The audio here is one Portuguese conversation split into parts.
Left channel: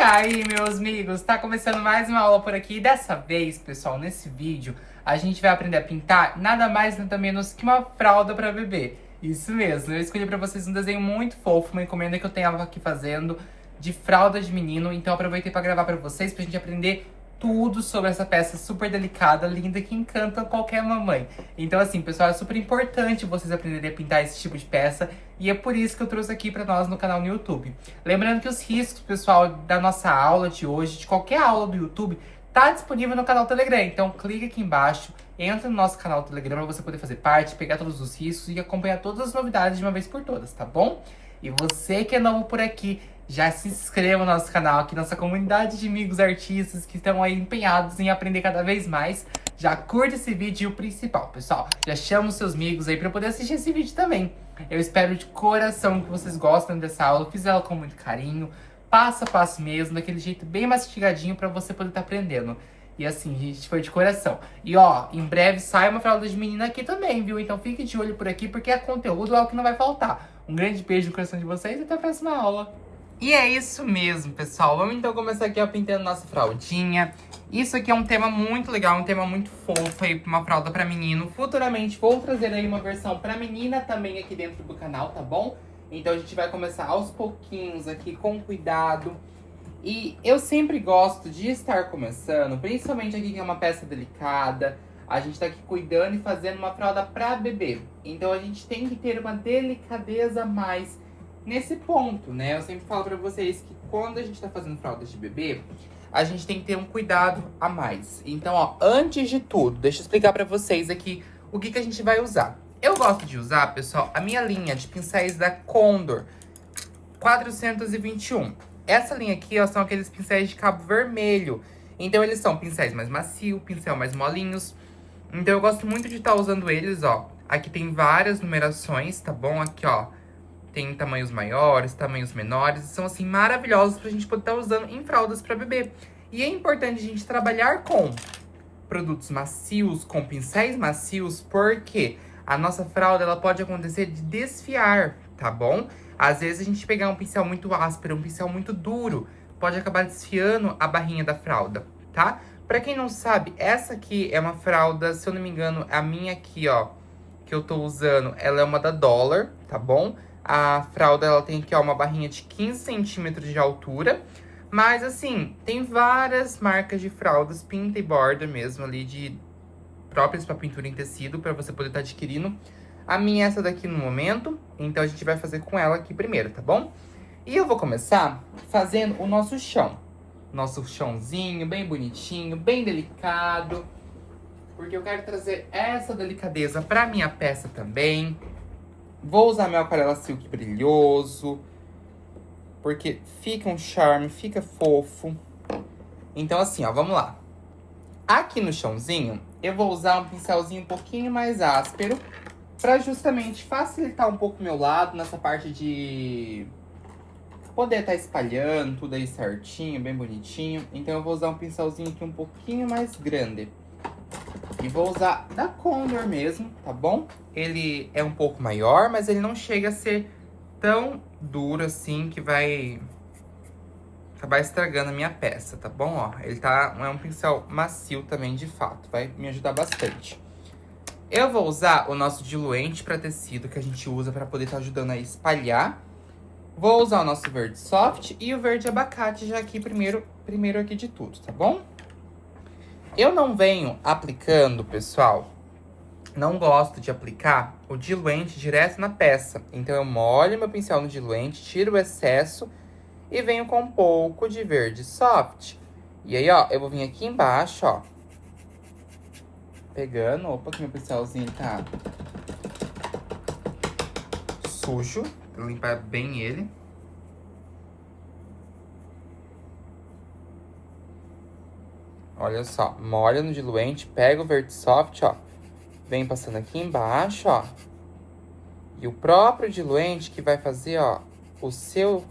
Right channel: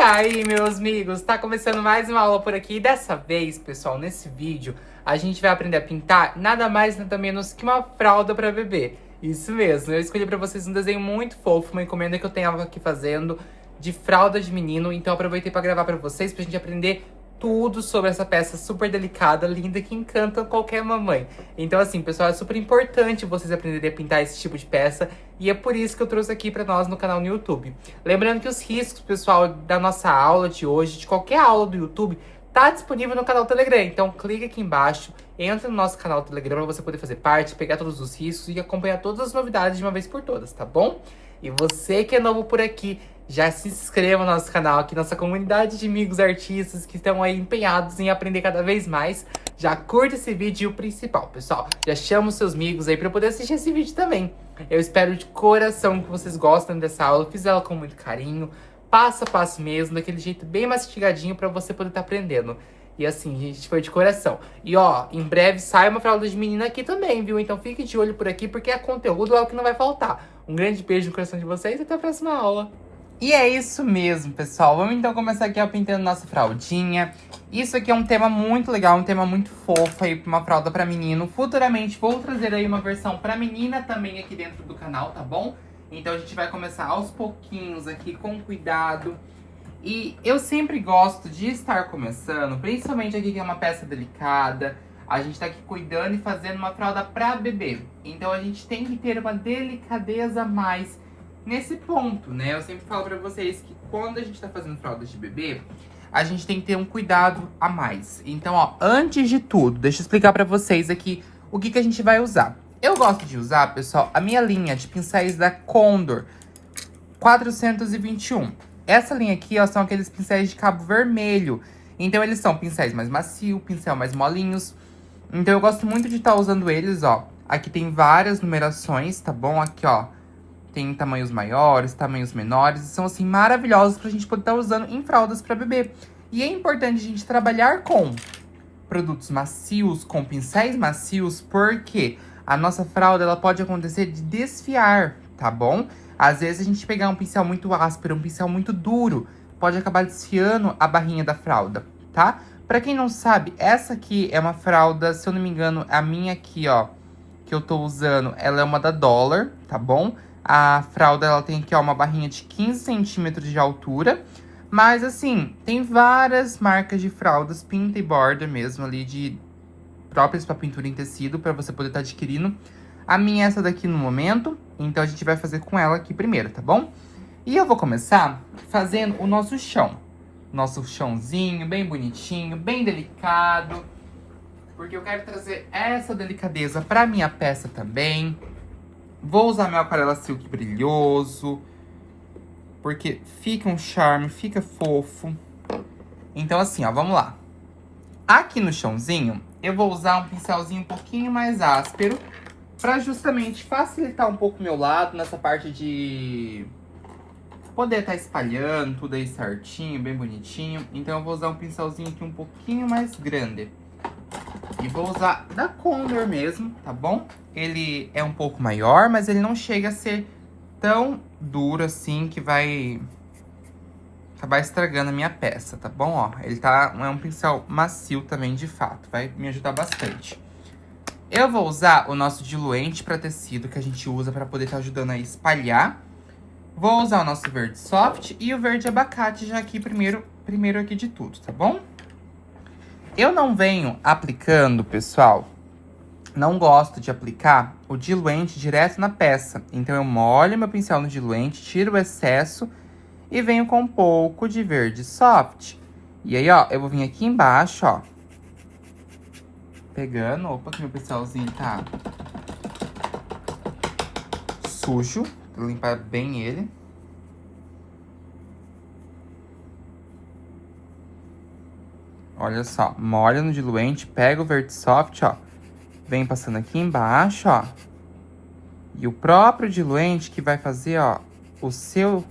aí, meus amigos, tá começando mais uma aula por aqui. E dessa vez, pessoal, nesse vídeo, a gente vai aprender a pintar nada mais, nada menos que uma fralda pra bebê. Isso mesmo, eu escolhi pra vocês um desenho muito fofo, uma encomenda que eu tenho aqui fazendo de fralda de menino. Então eu aproveitei pra gravar pra vocês, pra gente aprender tudo sobre essa peça super delicada, linda, que encanta qualquer mamãe. Então assim, pessoal, é super importante vocês aprenderem a pintar esse tipo de peça. E é por isso que eu trouxe aqui pra nós no canal no YouTube. Lembrando que os riscos, pessoal, da nossa aula de hoje, de qualquer aula do YouTube, tá disponível no canal Telegram. Então clica aqui embaixo, entra no nosso canal Telegram pra você poder fazer parte, pegar todos os riscos e acompanhar todas as novidades de uma vez por todas, tá bom? E você que é novo por aqui, já se inscreva no nosso canal, aqui nossa comunidade de amigos artistas que estão aí empenhados em aprender cada vez mais. Já curte esse vídeo e o principal, pessoal, já chama os seus amigos aí pra poder assistir esse vídeo também. Eu espero de coração que vocês gostem dessa aula, eu fiz ela com muito carinho, passo a passo mesmo, daquele jeito bem mastigadinho pra você poder estar aprendendo. E assim, gente, foi de coração. E ó, em breve sai uma fralda de menina aqui também, viu? Então fique de olho por aqui, porque conteúdo é o que não vai faltar. Um grande beijo no coração de vocês e até a próxima aula. E é isso mesmo, pessoal. Vamos então começar aqui, ó, pintando nossa fraldinha. Isso aqui é um tema muito legal, um tema muito fofo aí, uma fralda pra menino. Futuramente vou trazer aí uma versão pra menina também aqui dentro do canal, tá bom? Então a gente vai começar aos pouquinhos aqui, com cuidado. E eu sempre gosto de estar começando, principalmente aqui que é uma peça delicada. A gente tá aqui cuidando e fazendo uma fralda pra bebê. Então a gente tem que ter uma delicadeza a mais nesse ponto, né? Eu sempre falo pra vocês que quando a gente tá fazendo fraldas de bebê, a gente tem que ter um cuidado a mais. Então, ó, antes de tudo, deixa eu explicar pra vocês aqui o que a gente vai usar. Eu gosto de usar, pessoal, a minha linha de pincéis da Condor 421. Essa linha aqui, ó, são aqueles pincéis de cabo vermelho. Então, eles são pincéis mais macios, pincel mais molinhos. Então, eu gosto muito de estar usando eles, ó. Aqui tem várias numerações, tá bom? Aqui, ó, tem tamanhos maiores, tamanhos menores. São, assim, maravilhosos pra gente poder estar usando em fraldas pra bebê. E é importante a gente trabalhar com produtos macios, com pincéis macios, porque a nossa fralda, ela pode acontecer de desfiar, tá bom? Às vezes a gente pegar um pincel muito áspero, um pincel muito duro, pode acabar desfiando a barrinha da fralda, tá? Pra quem não sabe, essa aqui é uma fralda, se eu não me engano, a minha aqui, ó, que eu tô usando, ela é uma da Dollar, tá bom? A fralda, ela tem aqui, ó, uma barrinha de 15 centímetros de altura. Mas, assim, tem várias marcas de fraldas, pinta e borda mesmo ali, de próprias pra pintura em tecido, pra você poder estar adquirindo. A minha é essa daqui no momento, então a gente vai fazer com ela aqui primeiro, tá bom? E eu vou começar fazendo o nosso chão. Nosso chãozinho, bem bonitinho, bem delicado. Porque eu quero trazer essa delicadeza pra minha peça também. Vou usar meu aquarela silk brilhoso, porque fica um charme, fica fofo. Então assim, ó, vamos lá. Aqui no chãozinho, eu vou usar um pincelzinho um pouquinho mais áspero, pra justamente facilitar um pouco o meu lado, nessa parte de poder estar espalhando tudo aí certinho, bem bonitinho. Então eu vou usar um pincelzinho aqui um pouquinho mais grande. E vou usar da Condor mesmo, tá bom? Ele é um pouco maior, mas ele não chega a ser tão duro assim que vai acabar estragando a minha peça, tá bom? Ó, ele é um pincel macio também, de fato, vai me ajudar bastante. Eu vou usar o nosso diluente para tecido que a gente usa para poder estar ajudando a espalhar. Vou usar o nosso verde soft e o verde abacate já aqui primeiro aqui de tudo, tá bom? Eu não venho aplicando, pessoal, não gosto de aplicar o diluente direto na peça. Então eu molho meu pincel no diluente, tiro o excesso e venho com um pouco de verde soft. E aí, ó, eu vou vir aqui embaixo, ó, pegando, opa, que meu pincelzinho tá sujo, vou limpar bem ele. Olha só, molha no diluente, pega o verde soft, ó, vem passando aqui embaixo, ó. E o próprio diluente que vai fazer, ó, o seu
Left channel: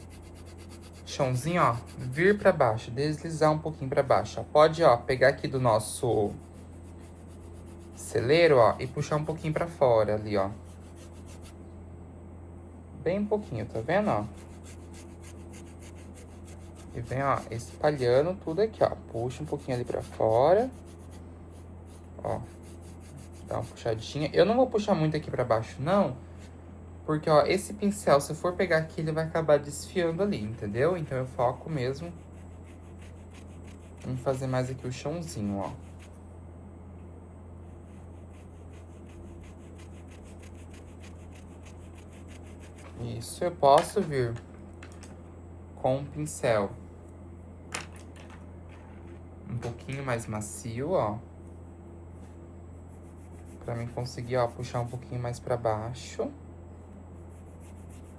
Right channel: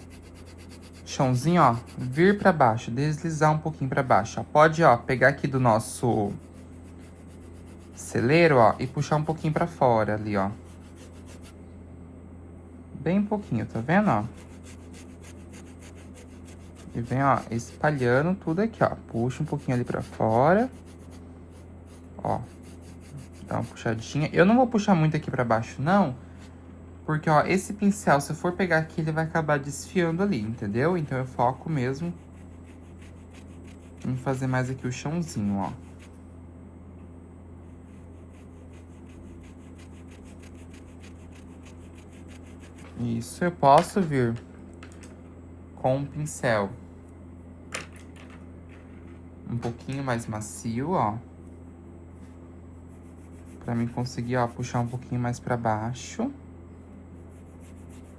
chãozinho, ó, vir pra baixo, deslizar um pouquinho pra baixo, ó. Pode, ó, pegar aqui do nosso celeiro, ó, e puxar um pouquinho pra fora ali, ó. Bem pouquinho, tá vendo, ó? E vem, ó, espalhando tudo aqui, ó. Puxa um pouquinho ali pra fora. Ó. Dá uma puxadinha. Eu não vou puxar muito aqui pra baixo, não. Porque, ó, esse pincel, se eu for pegar aqui, ele vai acabar desfiando ali, entendeu? Então, eu foco mesmo em fazer mais aqui o chãozinho, ó. Isso, eu posso vir com um pincel um pouquinho mais macio, ó. Pra mim conseguir, ó, puxar um pouquinho mais pra baixo.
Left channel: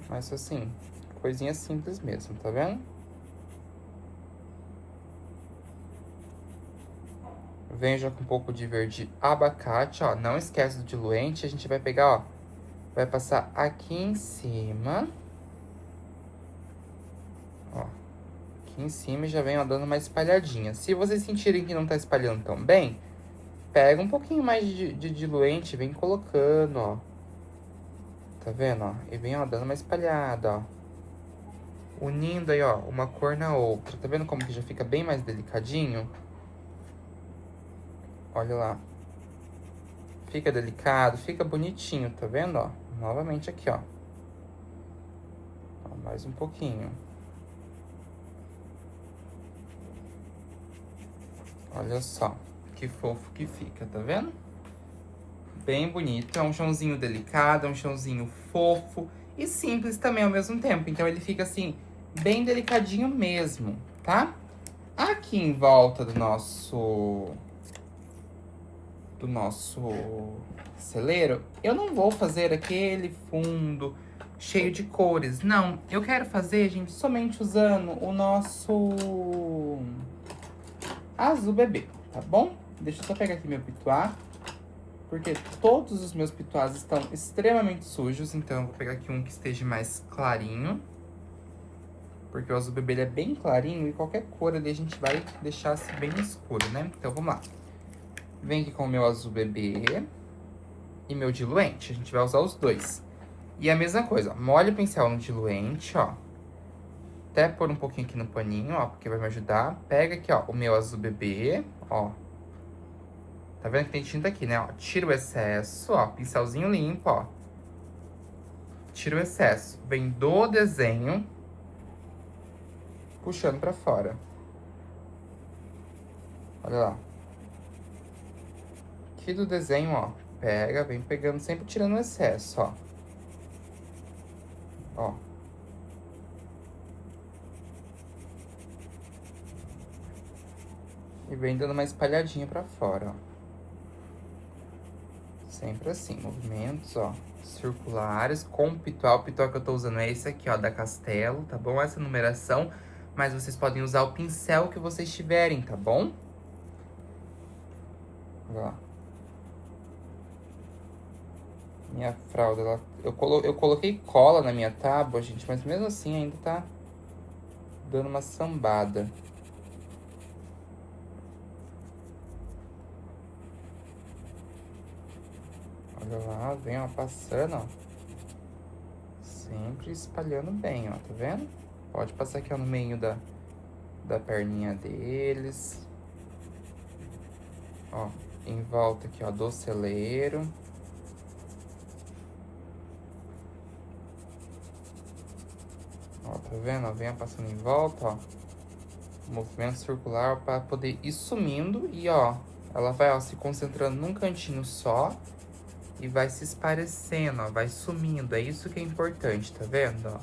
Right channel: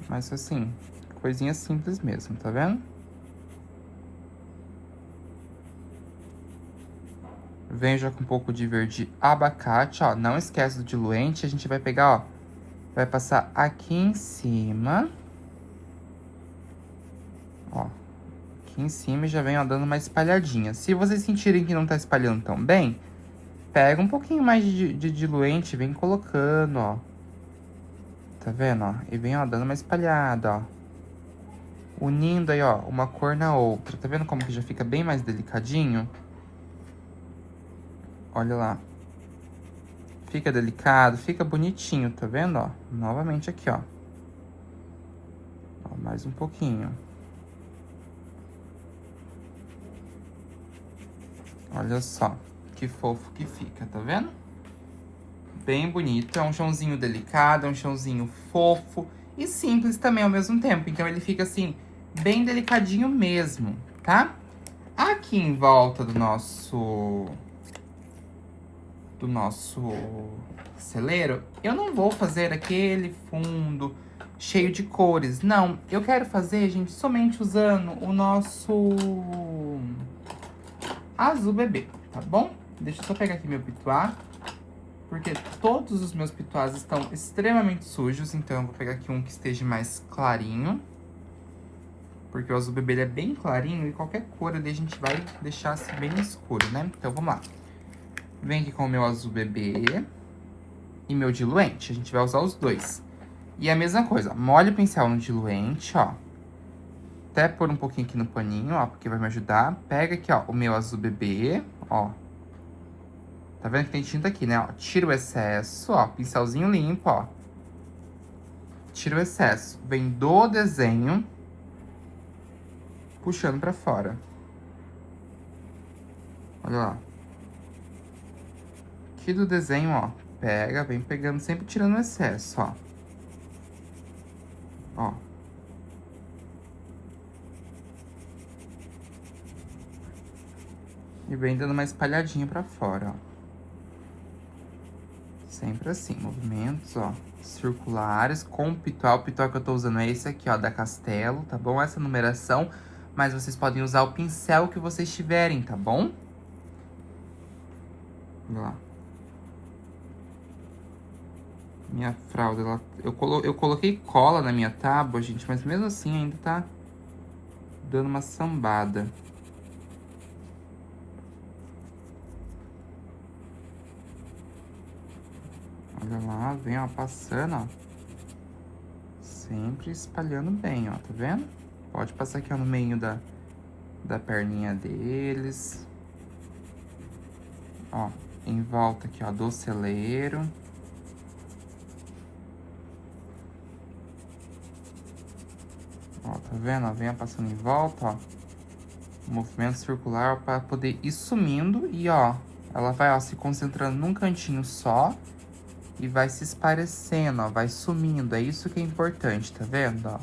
Mas assim, coisinha simples mesmo, tá vendo? Venho já com um pouco de verde abacate, ó. Não esquece do diluente, a gente vai pegar, ó. Vai passar aqui em cima. Ó. Aqui em cima e já vem, ó, dando uma espalhadinha. Se vocês sentirem que não tá espalhando tão bem, pega um pouquinho mais de diluente, vem colocando, ó. Tá vendo, ó? E vem, ó, dando uma espalhada, ó. Unindo aí, ó, uma cor na outra. Tá vendo como que já fica bem mais delicadinho? Olha lá. Fica delicado, fica bonitinho, tá vendo, ó? Novamente aqui, ó. Ó, mais um pouquinho. Olha só, que fofo que fica, tá vendo? Bem bonito, é um chãozinho delicado, é um chãozinho fofo e simples também ao mesmo tempo. Então, ele fica assim, bem delicadinho mesmo, tá? Aqui em volta do nosso celeiro, eu não vou fazer aquele fundo cheio de cores. Não, eu quero fazer, gente, somente usando o nosso azul bebê, tá bom? Deixa eu só pegar aqui meu pituá, porque todos os meus pituás estão extremamente sujos, então eu vou pegar aqui um que esteja mais clarinho. Porque o azul bebê ele é bem clarinho e qualquer cor ali a gente vai deixar assim bem escuro, né? Então vamos lá. Vem aqui com o meu azul bebê e meu diluente. A gente vai usar os dois. E a mesma coisa, molha o pincel no diluente, ó. Até pôr um pouquinho aqui no paninho, ó, porque vai me ajudar. Pega aqui, ó, o meu azul bebê, ó. Tá vendo que tem tinta aqui, né? Ó, tira o excesso, ó, pincelzinho limpo, ó. Tira o excesso. Vem do desenho, puxando pra fora. Olha lá. Aqui do desenho, ó, pega, vem pegando, sempre tirando o excesso, ó. Ó. E vem dando uma espalhadinha pra fora, ó. Sempre assim, movimentos, ó, circulares, com o pitual. O pitual que eu tô usando é esse aqui, ó, da Castelo, tá bom? Essa numeração, mas vocês podem usar o pincel que vocês tiverem, tá bom? Olha lá. Minha fralda, ela, eu coloquei cola na minha tábua, gente, mas mesmo assim ainda tá dando uma sambada. Olha lá, vem, ó, passando, ó. Sempre espalhando bem, ó, tá vendo? Pode passar aqui, ó, no meio da perninha deles. Ó, em volta aqui, ó, do celeiro. Ó, tá vendo? Ó, vem passando em volta, ó. Movimento circular para poder ir sumindo e, ó, ela vai, ó, se concentrando num cantinho só e vai se esparecendo, ó, vai sumindo. É isso que é importante, tá vendo, ó?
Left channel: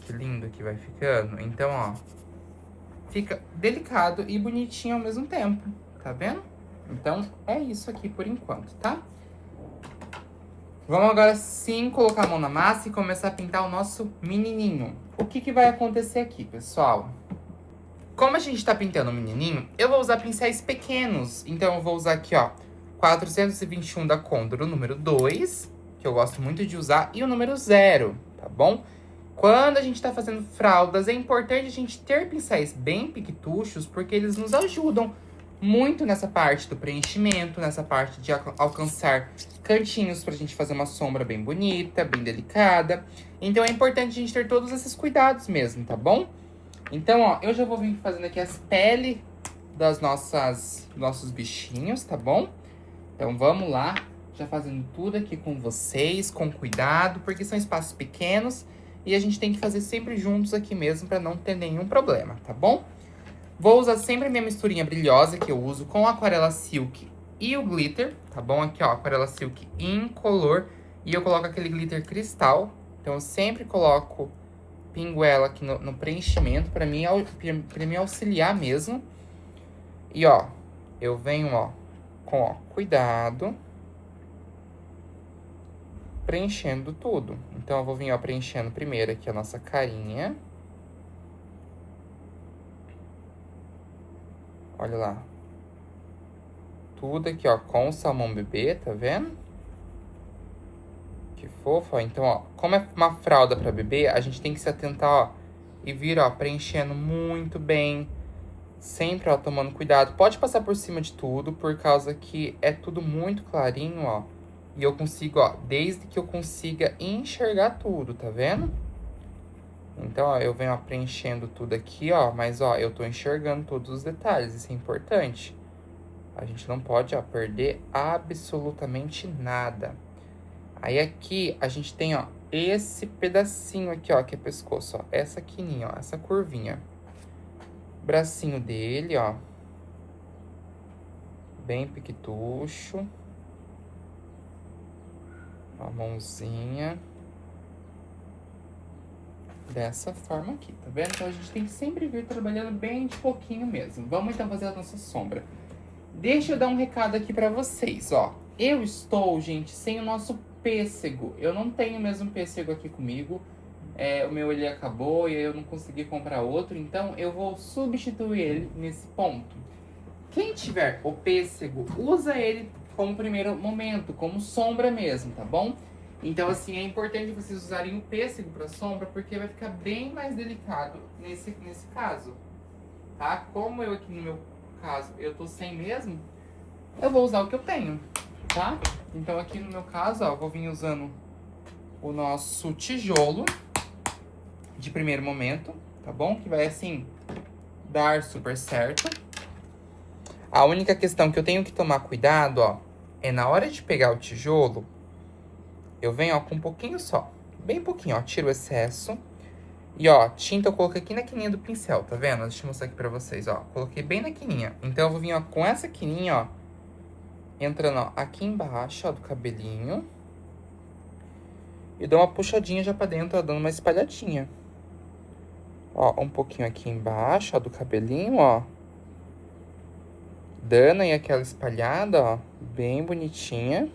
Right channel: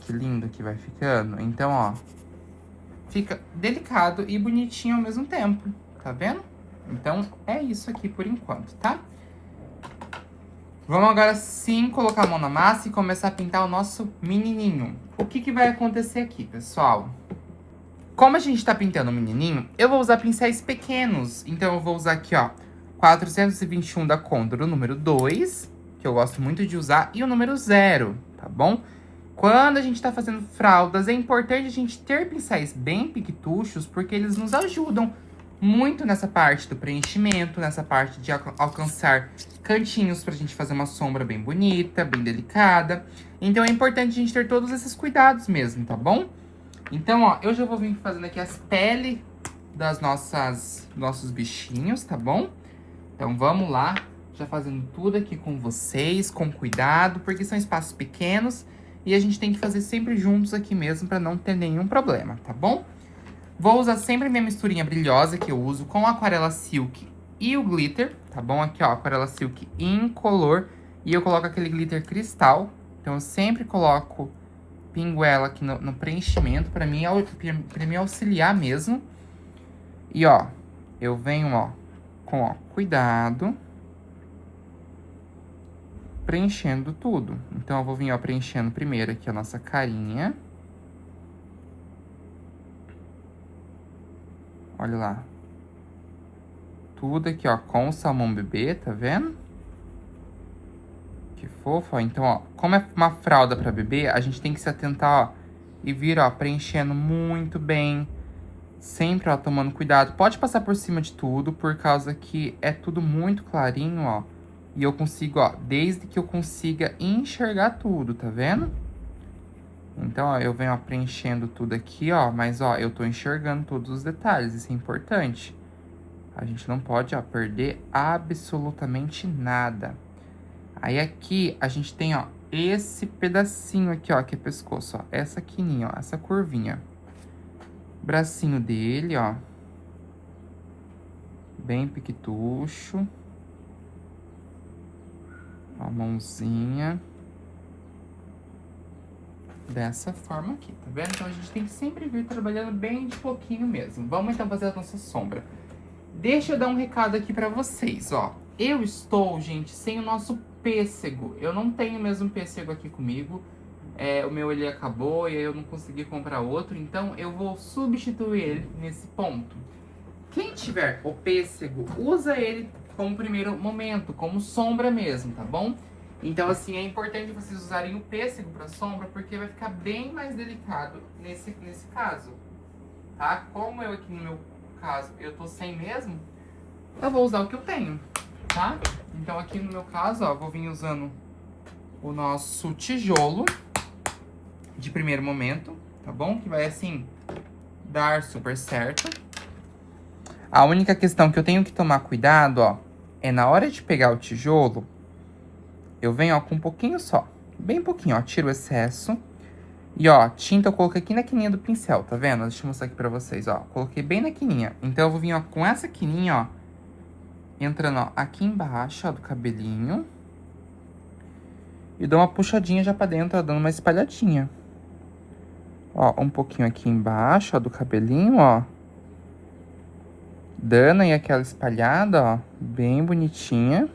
Que lindo que vai ficando. Então, ó, fica delicado e bonitinho ao mesmo tempo, tá vendo? Então, é isso aqui por enquanto, tá? Vamos agora sim colocar a mão na massa e começar a pintar o nosso menininho. O que que vai acontecer aqui, pessoal? Como a gente tá pintando o menininho, eu vou usar pincéis pequenos. Então, eu vou usar aqui, ó, 421 da Condor, o número 2, que eu gosto muito de usar, e o número 0, tá bom? Quando a gente tá fazendo fraldas, é importante a gente ter pincéis bem piquituchos, porque eles nos ajudam muito nessa parte do preenchimento, nessa parte de alcançar cantinhos pra gente fazer uma sombra bem bonita, bem delicada. Então, é importante a gente ter todos esses cuidados mesmo, tá bom? Então, ó, eu já vou vir fazendo aqui as peles das nossos bichinhos, tá bom? Então, vamos lá, já fazendo tudo aqui com vocês, com cuidado, porque são espaços pequenos e a gente tem que fazer sempre juntos aqui mesmo pra não ter nenhum problema, tá bom? Vou usar sempre minha misturinha brilhosa que eu uso com a aquarela silk e o glitter, tá bom? Aqui, ó, aquarela silk incolor e eu coloco aquele glitter cristal. Então, eu sempre coloco pingo ela aqui no preenchimento pra mim auxiliar mesmo. E, ó, eu venho, ó, com, ó, cuidado, preenchendo tudo. Então, eu vou vir, ó, preenchendo primeiro aqui a nossa carinha. Olha lá. Tudo aqui, ó, com o salmão bebê, tá vendo? Que fofo, ó. Então, ó, como é uma fralda pra bebê, a gente tem que se atentar, ó, e vir, ó, preenchendo muito bem. Sempre, ó, tomando cuidado. Pode passar por cima de tudo, por causa que é tudo muito clarinho, ó. E eu consigo, ó, desde que eu consiga enxergar tudo, tá vendo? Então, ó, eu venho, ó, preenchendo tudo aqui, ó. Mas, ó, eu tô enxergando todos os detalhes, isso é importante. A gente não pode, ó, perder absolutamente nada. Aí aqui a gente tem, ó, esse pedacinho aqui, ó, que é pescoço, ó. Essa quininha, ó, essa curvinha. Bracinho dele, ó. Bem piquitucho. A mãozinha. Dessa forma aqui, tá vendo? Então a gente tem que sempre vir trabalhando bem de pouquinho mesmo. Vamos então fazer a nossa sombra. Deixa eu dar um recado aqui pra vocês, ó. Eu estou, gente, sem o nosso pêssego. Eu não tenho mesmo pêssego aqui comigo. O meu ele acabou e eu não consegui comprar outro. Então eu vou substituir ele nesse ponto. Quem tiver o pêssego, usa ele como primeiro momento, como sombra mesmo, tá bom? Então, assim, é importante vocês usarem o pêssego pra sombra, porque vai ficar bem mais delicado nesse caso, tá? Como eu aqui no meu caso, eu tô sem mesmo, eu vou usar o que eu tenho, tá? Então, aqui no meu caso, ó, vou vir usando o nosso tijolo de primeiro momento, tá bom? Que vai, assim, dar super certo. A única questão que eu tenho que tomar cuidado, ó, é na hora de pegar o tijolo, eu venho, ó, com um pouquinho só. Bem pouquinho, ó, tiro o excesso. E, ó, tinta eu coloquei aqui na quininha do pincel, tá vendo? Deixa eu mostrar aqui pra vocês, ó. Coloquei bem na quininha. Então, eu vou vir, ó, com essa quininha, ó, entrando, ó, aqui embaixo, ó, do cabelinho. E dou uma puxadinha já pra dentro, ó, dando uma espalhadinha. Ó, um pouquinho aqui embaixo, ó, do cabelinho, ó. Dando aí aquela espalhada, ó, bem bonitinha.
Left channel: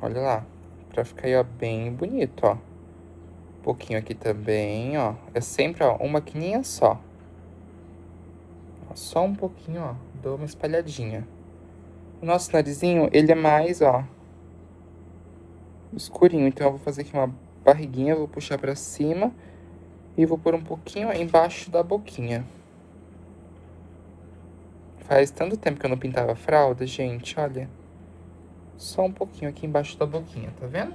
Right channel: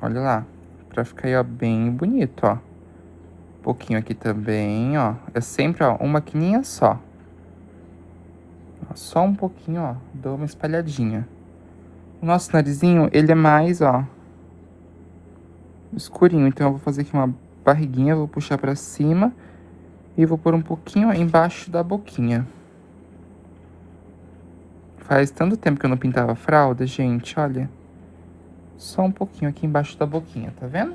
Olha lá, pra ficar aí, ó, bem bonito, ó. Um pouquinho aqui também, ó. É sempre, ó, uma quininha só. Ó, só um pouquinho, ó, dou uma espalhadinha. O nosso narizinho, ele é mais, ó, escurinho. Então, eu vou fazer aqui uma barriguinha, vou puxar pra cima. E vou pôr um pouquinho, ó, embaixo da boquinha. Faz tanto tempo que eu não pintava a fralda, gente, olha. Só um pouquinho aqui embaixo da boquinha, tá vendo?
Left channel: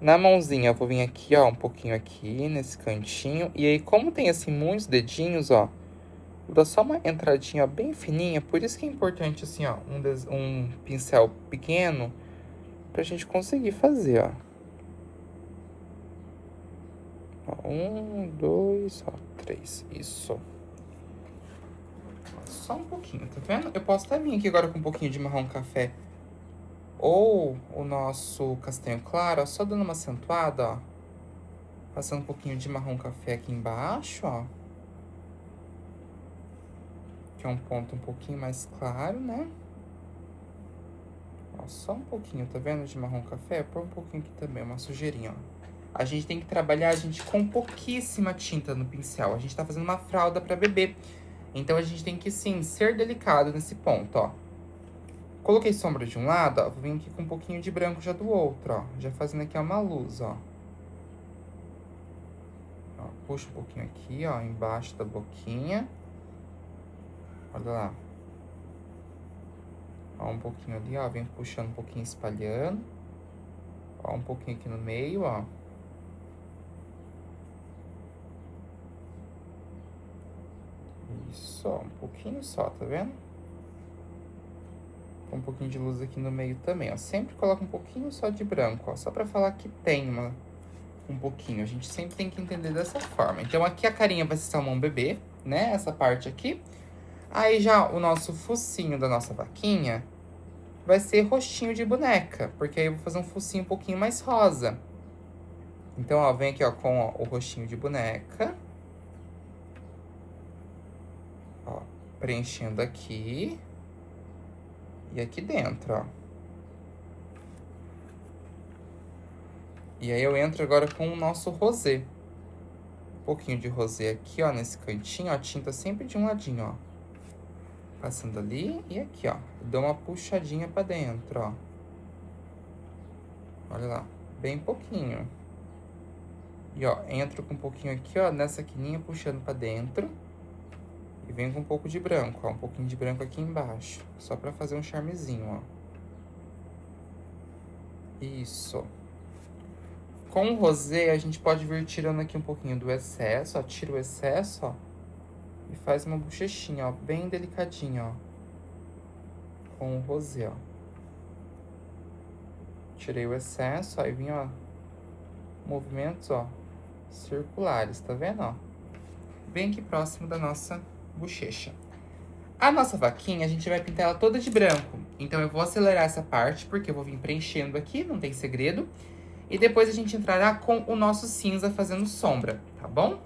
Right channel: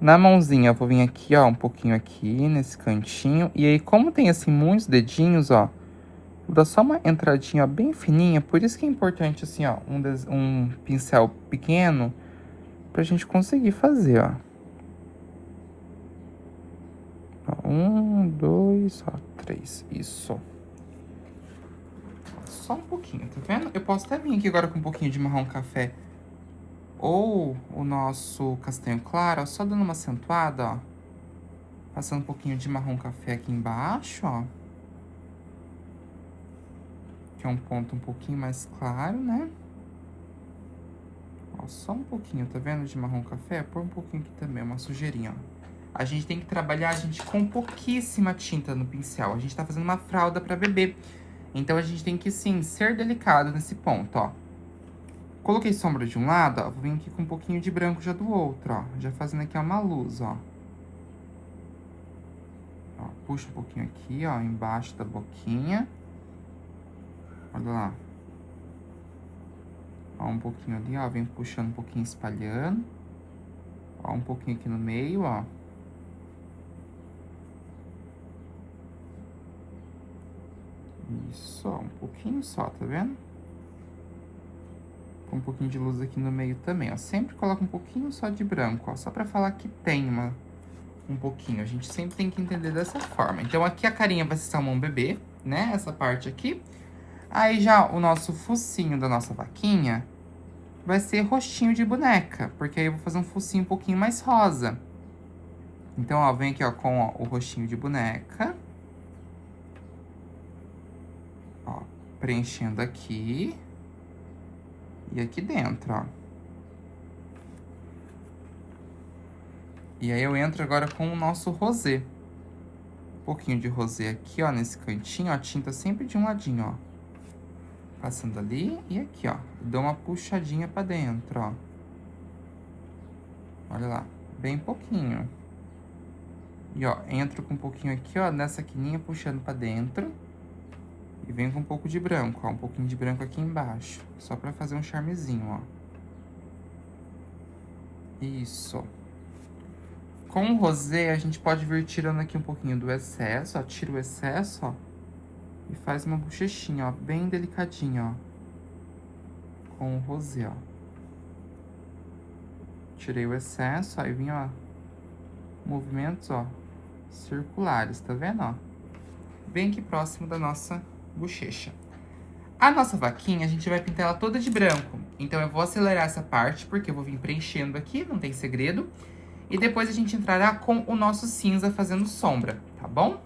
Na mãozinha, eu vou vir aqui, ó, um pouquinho aqui, nesse cantinho. E aí, como tem, assim, muitos dedinhos, ó, vou dar só uma entradinha, ó, bem fininha. Por isso que é importante, assim, ó, um pincel pequeno pra gente conseguir fazer, ó. Ó, 1, 2, ó, 3, isso. Só um pouquinho, tá vendo? Eu posso até vir aqui agora com um pouquinho de marrom café ou o nosso castanho claro, ó, só dando uma acentuada, ó. Passando um pouquinho de marrom café aqui embaixo, ó. Que é um ponto um pouquinho mais claro, né? Ó, só um pouquinho, tá vendo? De marrom café. Põe um pouquinho aqui também, uma sujeirinha, ó. A gente tem que trabalhar, gente, com pouquíssima tinta no pincel. A gente tá fazendo uma fralda pra bebê. Então, a gente tem que, sim, ser delicado nesse ponto, ó. Coloquei sombra de um lado, ó. Vou vir aqui com um pouquinho de branco já do outro, ó. Já fazendo aqui uma luz, ó. Ó, puxa um pouquinho aqui, ó, embaixo da boquinha. Olha lá. Ó, um pouquinho ali, ó. Vem puxando um pouquinho, espalhando. Ó, um pouquinho aqui no meio, ó. Isso, ó, um pouquinho só, tá vendo? Um pouquinho de luz aqui no meio também, ó. Sempre coloca um pouquinho só de branco, ó. Só pra falar que tem um pouquinho. A gente sempre tem que entender dessa forma. Então, aqui a carinha vai ser salmão bebê, né? Essa parte aqui. Aí, já o nosso focinho da nossa vaquinha vai ser rostinho de boneca. Porque aí eu vou fazer um focinho um pouquinho mais rosa. Então, ó, vem aqui, ó, com ó, o rostinho de boneca. Ó, preenchendo aqui. E aqui dentro, ó. E aí eu entro agora com o nosso rosé. Um pouquinho de rosé aqui, ó, nesse cantinho, ó. Tinta sempre de um ladinho, ó. Passando ali e aqui, ó. Dou uma puxadinha pra dentro, ó. Olha lá. Bem pouquinho. E, ó, entro com um pouquinho aqui, ó, nessa quininha, puxando pra dentro. E venho com um pouco de branco, ó. Um pouquinho de branco aqui embaixo. Só pra fazer um charmezinho, ó. Isso. Com o rosé, a gente pode vir tirando aqui um pouquinho do excesso, ó. Tira o excesso, ó. E faz uma bochechinha, ó. Bem delicadinha, ó. Com o rosé, ó. Tirei o excesso, aí vim, ó. Movimentos, ó. Circulares, tá vendo, ó? Bem aqui próximo da nossa bochecha. A nossa vaquinha, a gente vai pintar ela toda de branco. Então, eu vou acelerar essa parte, porque eu vou vir preenchendo aqui, não tem segredo. E depois a gente entrará com o nosso cinza fazendo sombra, tá bom?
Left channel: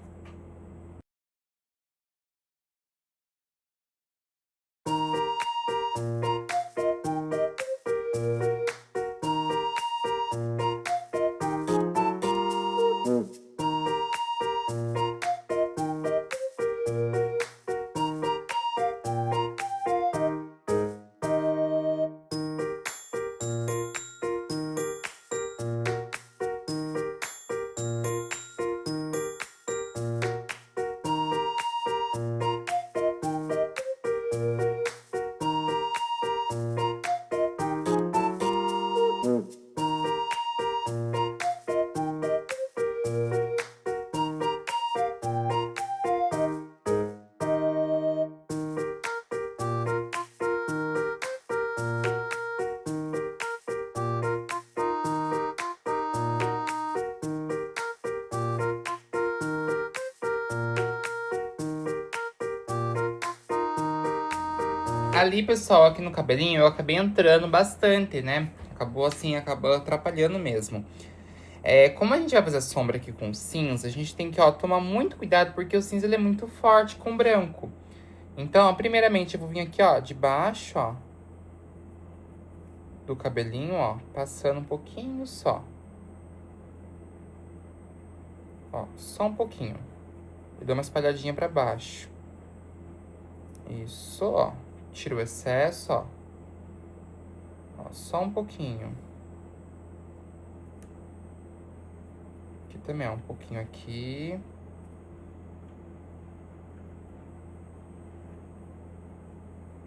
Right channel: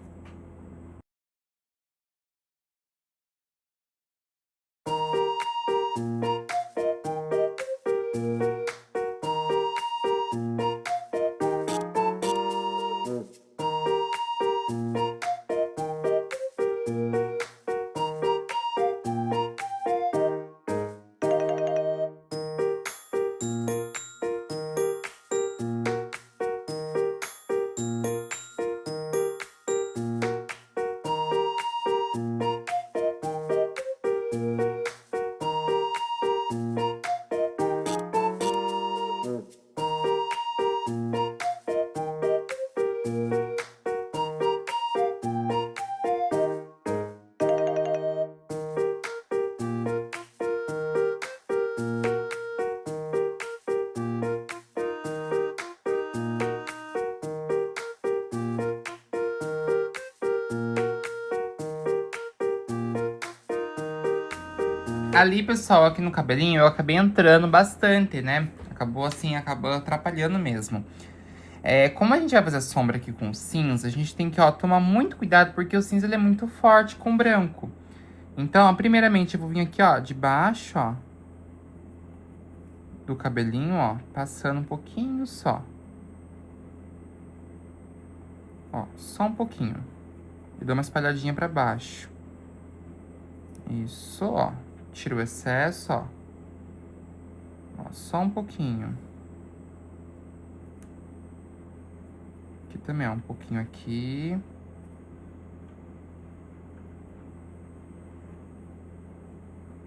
Ali, pessoal, aqui no cabelinho, eu acabei entrando bastante, né? Acabou assim, acabou atrapalhando mesmo. Como a gente vai fazer sombra aqui com cinza, a gente tem que, ó, tomar muito cuidado, porque o cinza, ele é muito forte com o branco. Então, ó, primeiramente, eu vou vir aqui, ó, de baixo, ó, do cabelinho, ó, passando um pouquinho só. Ó, só um pouquinho. E dou uma espalhadinha pra baixo. Isso, ó. Tira o excesso, ó. Ó, só um pouquinho. Aqui também, ó, um pouquinho aqui.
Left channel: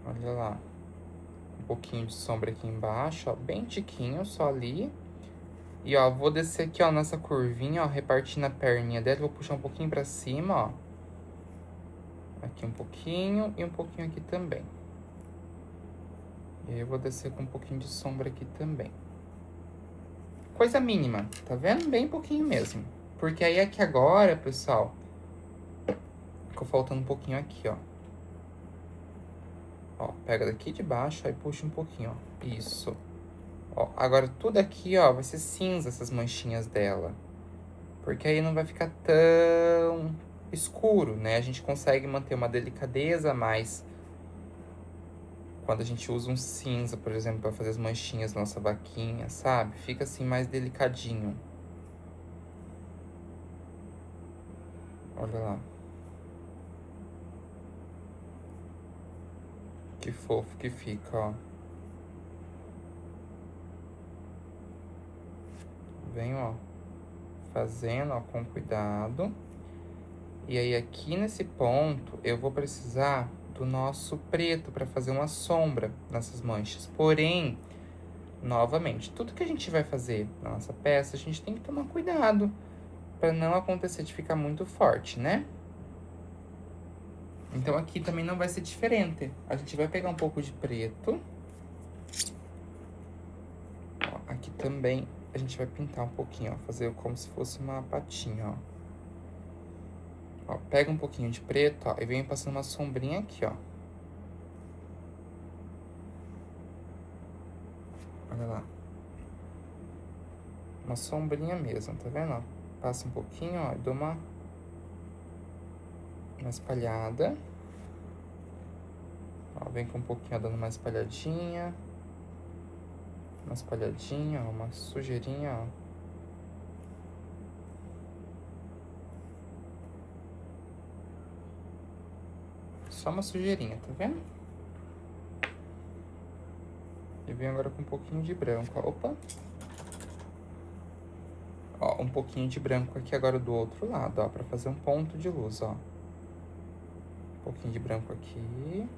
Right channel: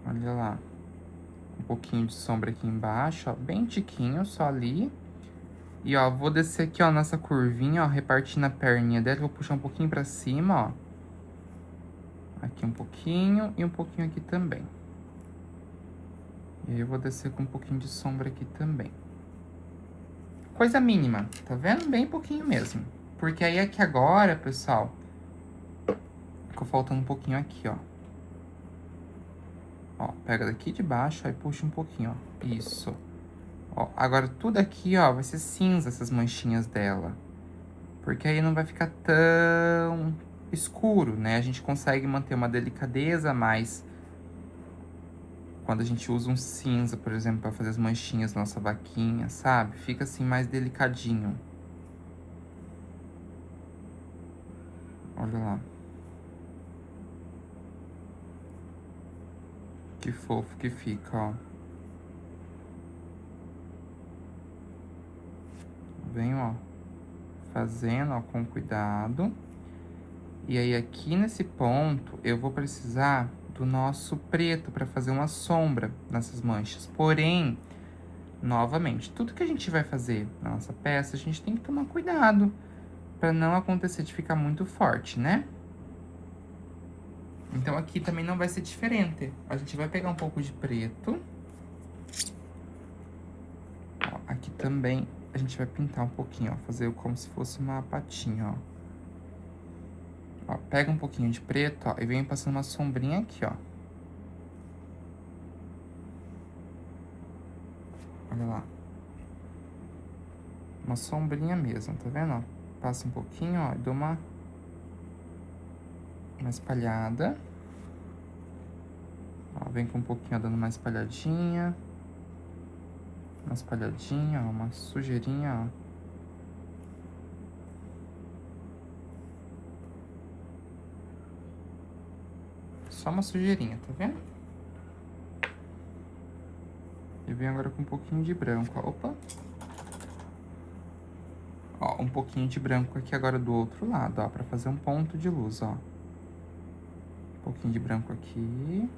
Olha lá. Um pouquinho de sombra aqui embaixo, ó, bem tiquinho, só ali. E, ó, vou descer aqui, ó, nessa curvinha, ó, repartindo a perninha dela. Vou puxar um pouquinho pra cima, ó. Aqui um pouquinho e um pouquinho aqui também. E aí eu vou descer com um pouquinho de sombra aqui também. Coisa mínima, tá vendo? Bem pouquinho mesmo. Porque aí aqui agora, pessoal, ficou faltando um pouquinho aqui, ó. Ó, pega daqui de baixo, aí puxa um pouquinho, ó. Isso. Ó, agora tudo aqui, ó, vai ser cinza, essas manchinhas dela. Porque aí não vai ficar tão escuro, né? A gente consegue manter uma delicadeza a mais quando a gente usa um cinza, por exemplo, pra fazer as manchinhas na nossa vaquinha, sabe? Fica assim mais delicadinho. Olha lá. Que fofo que fica, ó. Venho, ó, fazendo, ó, com cuidado. E aí, aqui nesse ponto, eu vou precisar do nosso preto para fazer uma sombra nessas manchas. Porém, novamente, tudo que a gente vai fazer na nossa peça, a gente tem que tomar cuidado para não acontecer de ficar muito forte, né? Então aqui também não vai ser diferente. A gente vai pegar um pouco de preto. Ó, aqui também a gente vai pintar um pouquinho, ó. Fazer como se fosse uma patinha, ó. Ó, pega um pouquinho de preto, ó, e vem passando uma sombrinha aqui, ó. Olha lá. Uma sombrinha mesmo, tá vendo? Ó, passa um pouquinho, ó, e dou uma espalhada. Ó, vem com um pouquinho, ó, dando uma espalhadinha. Uma espalhadinha, ó, uma sujeirinha, ó. Só uma sujeirinha, tá vendo? E venho agora com um pouquinho de branco, ó. Opa! Ó, um pouquinho de branco aqui agora do outro lado, ó, pra fazer um ponto de luz, ó. Um pouquinho de branco aqui.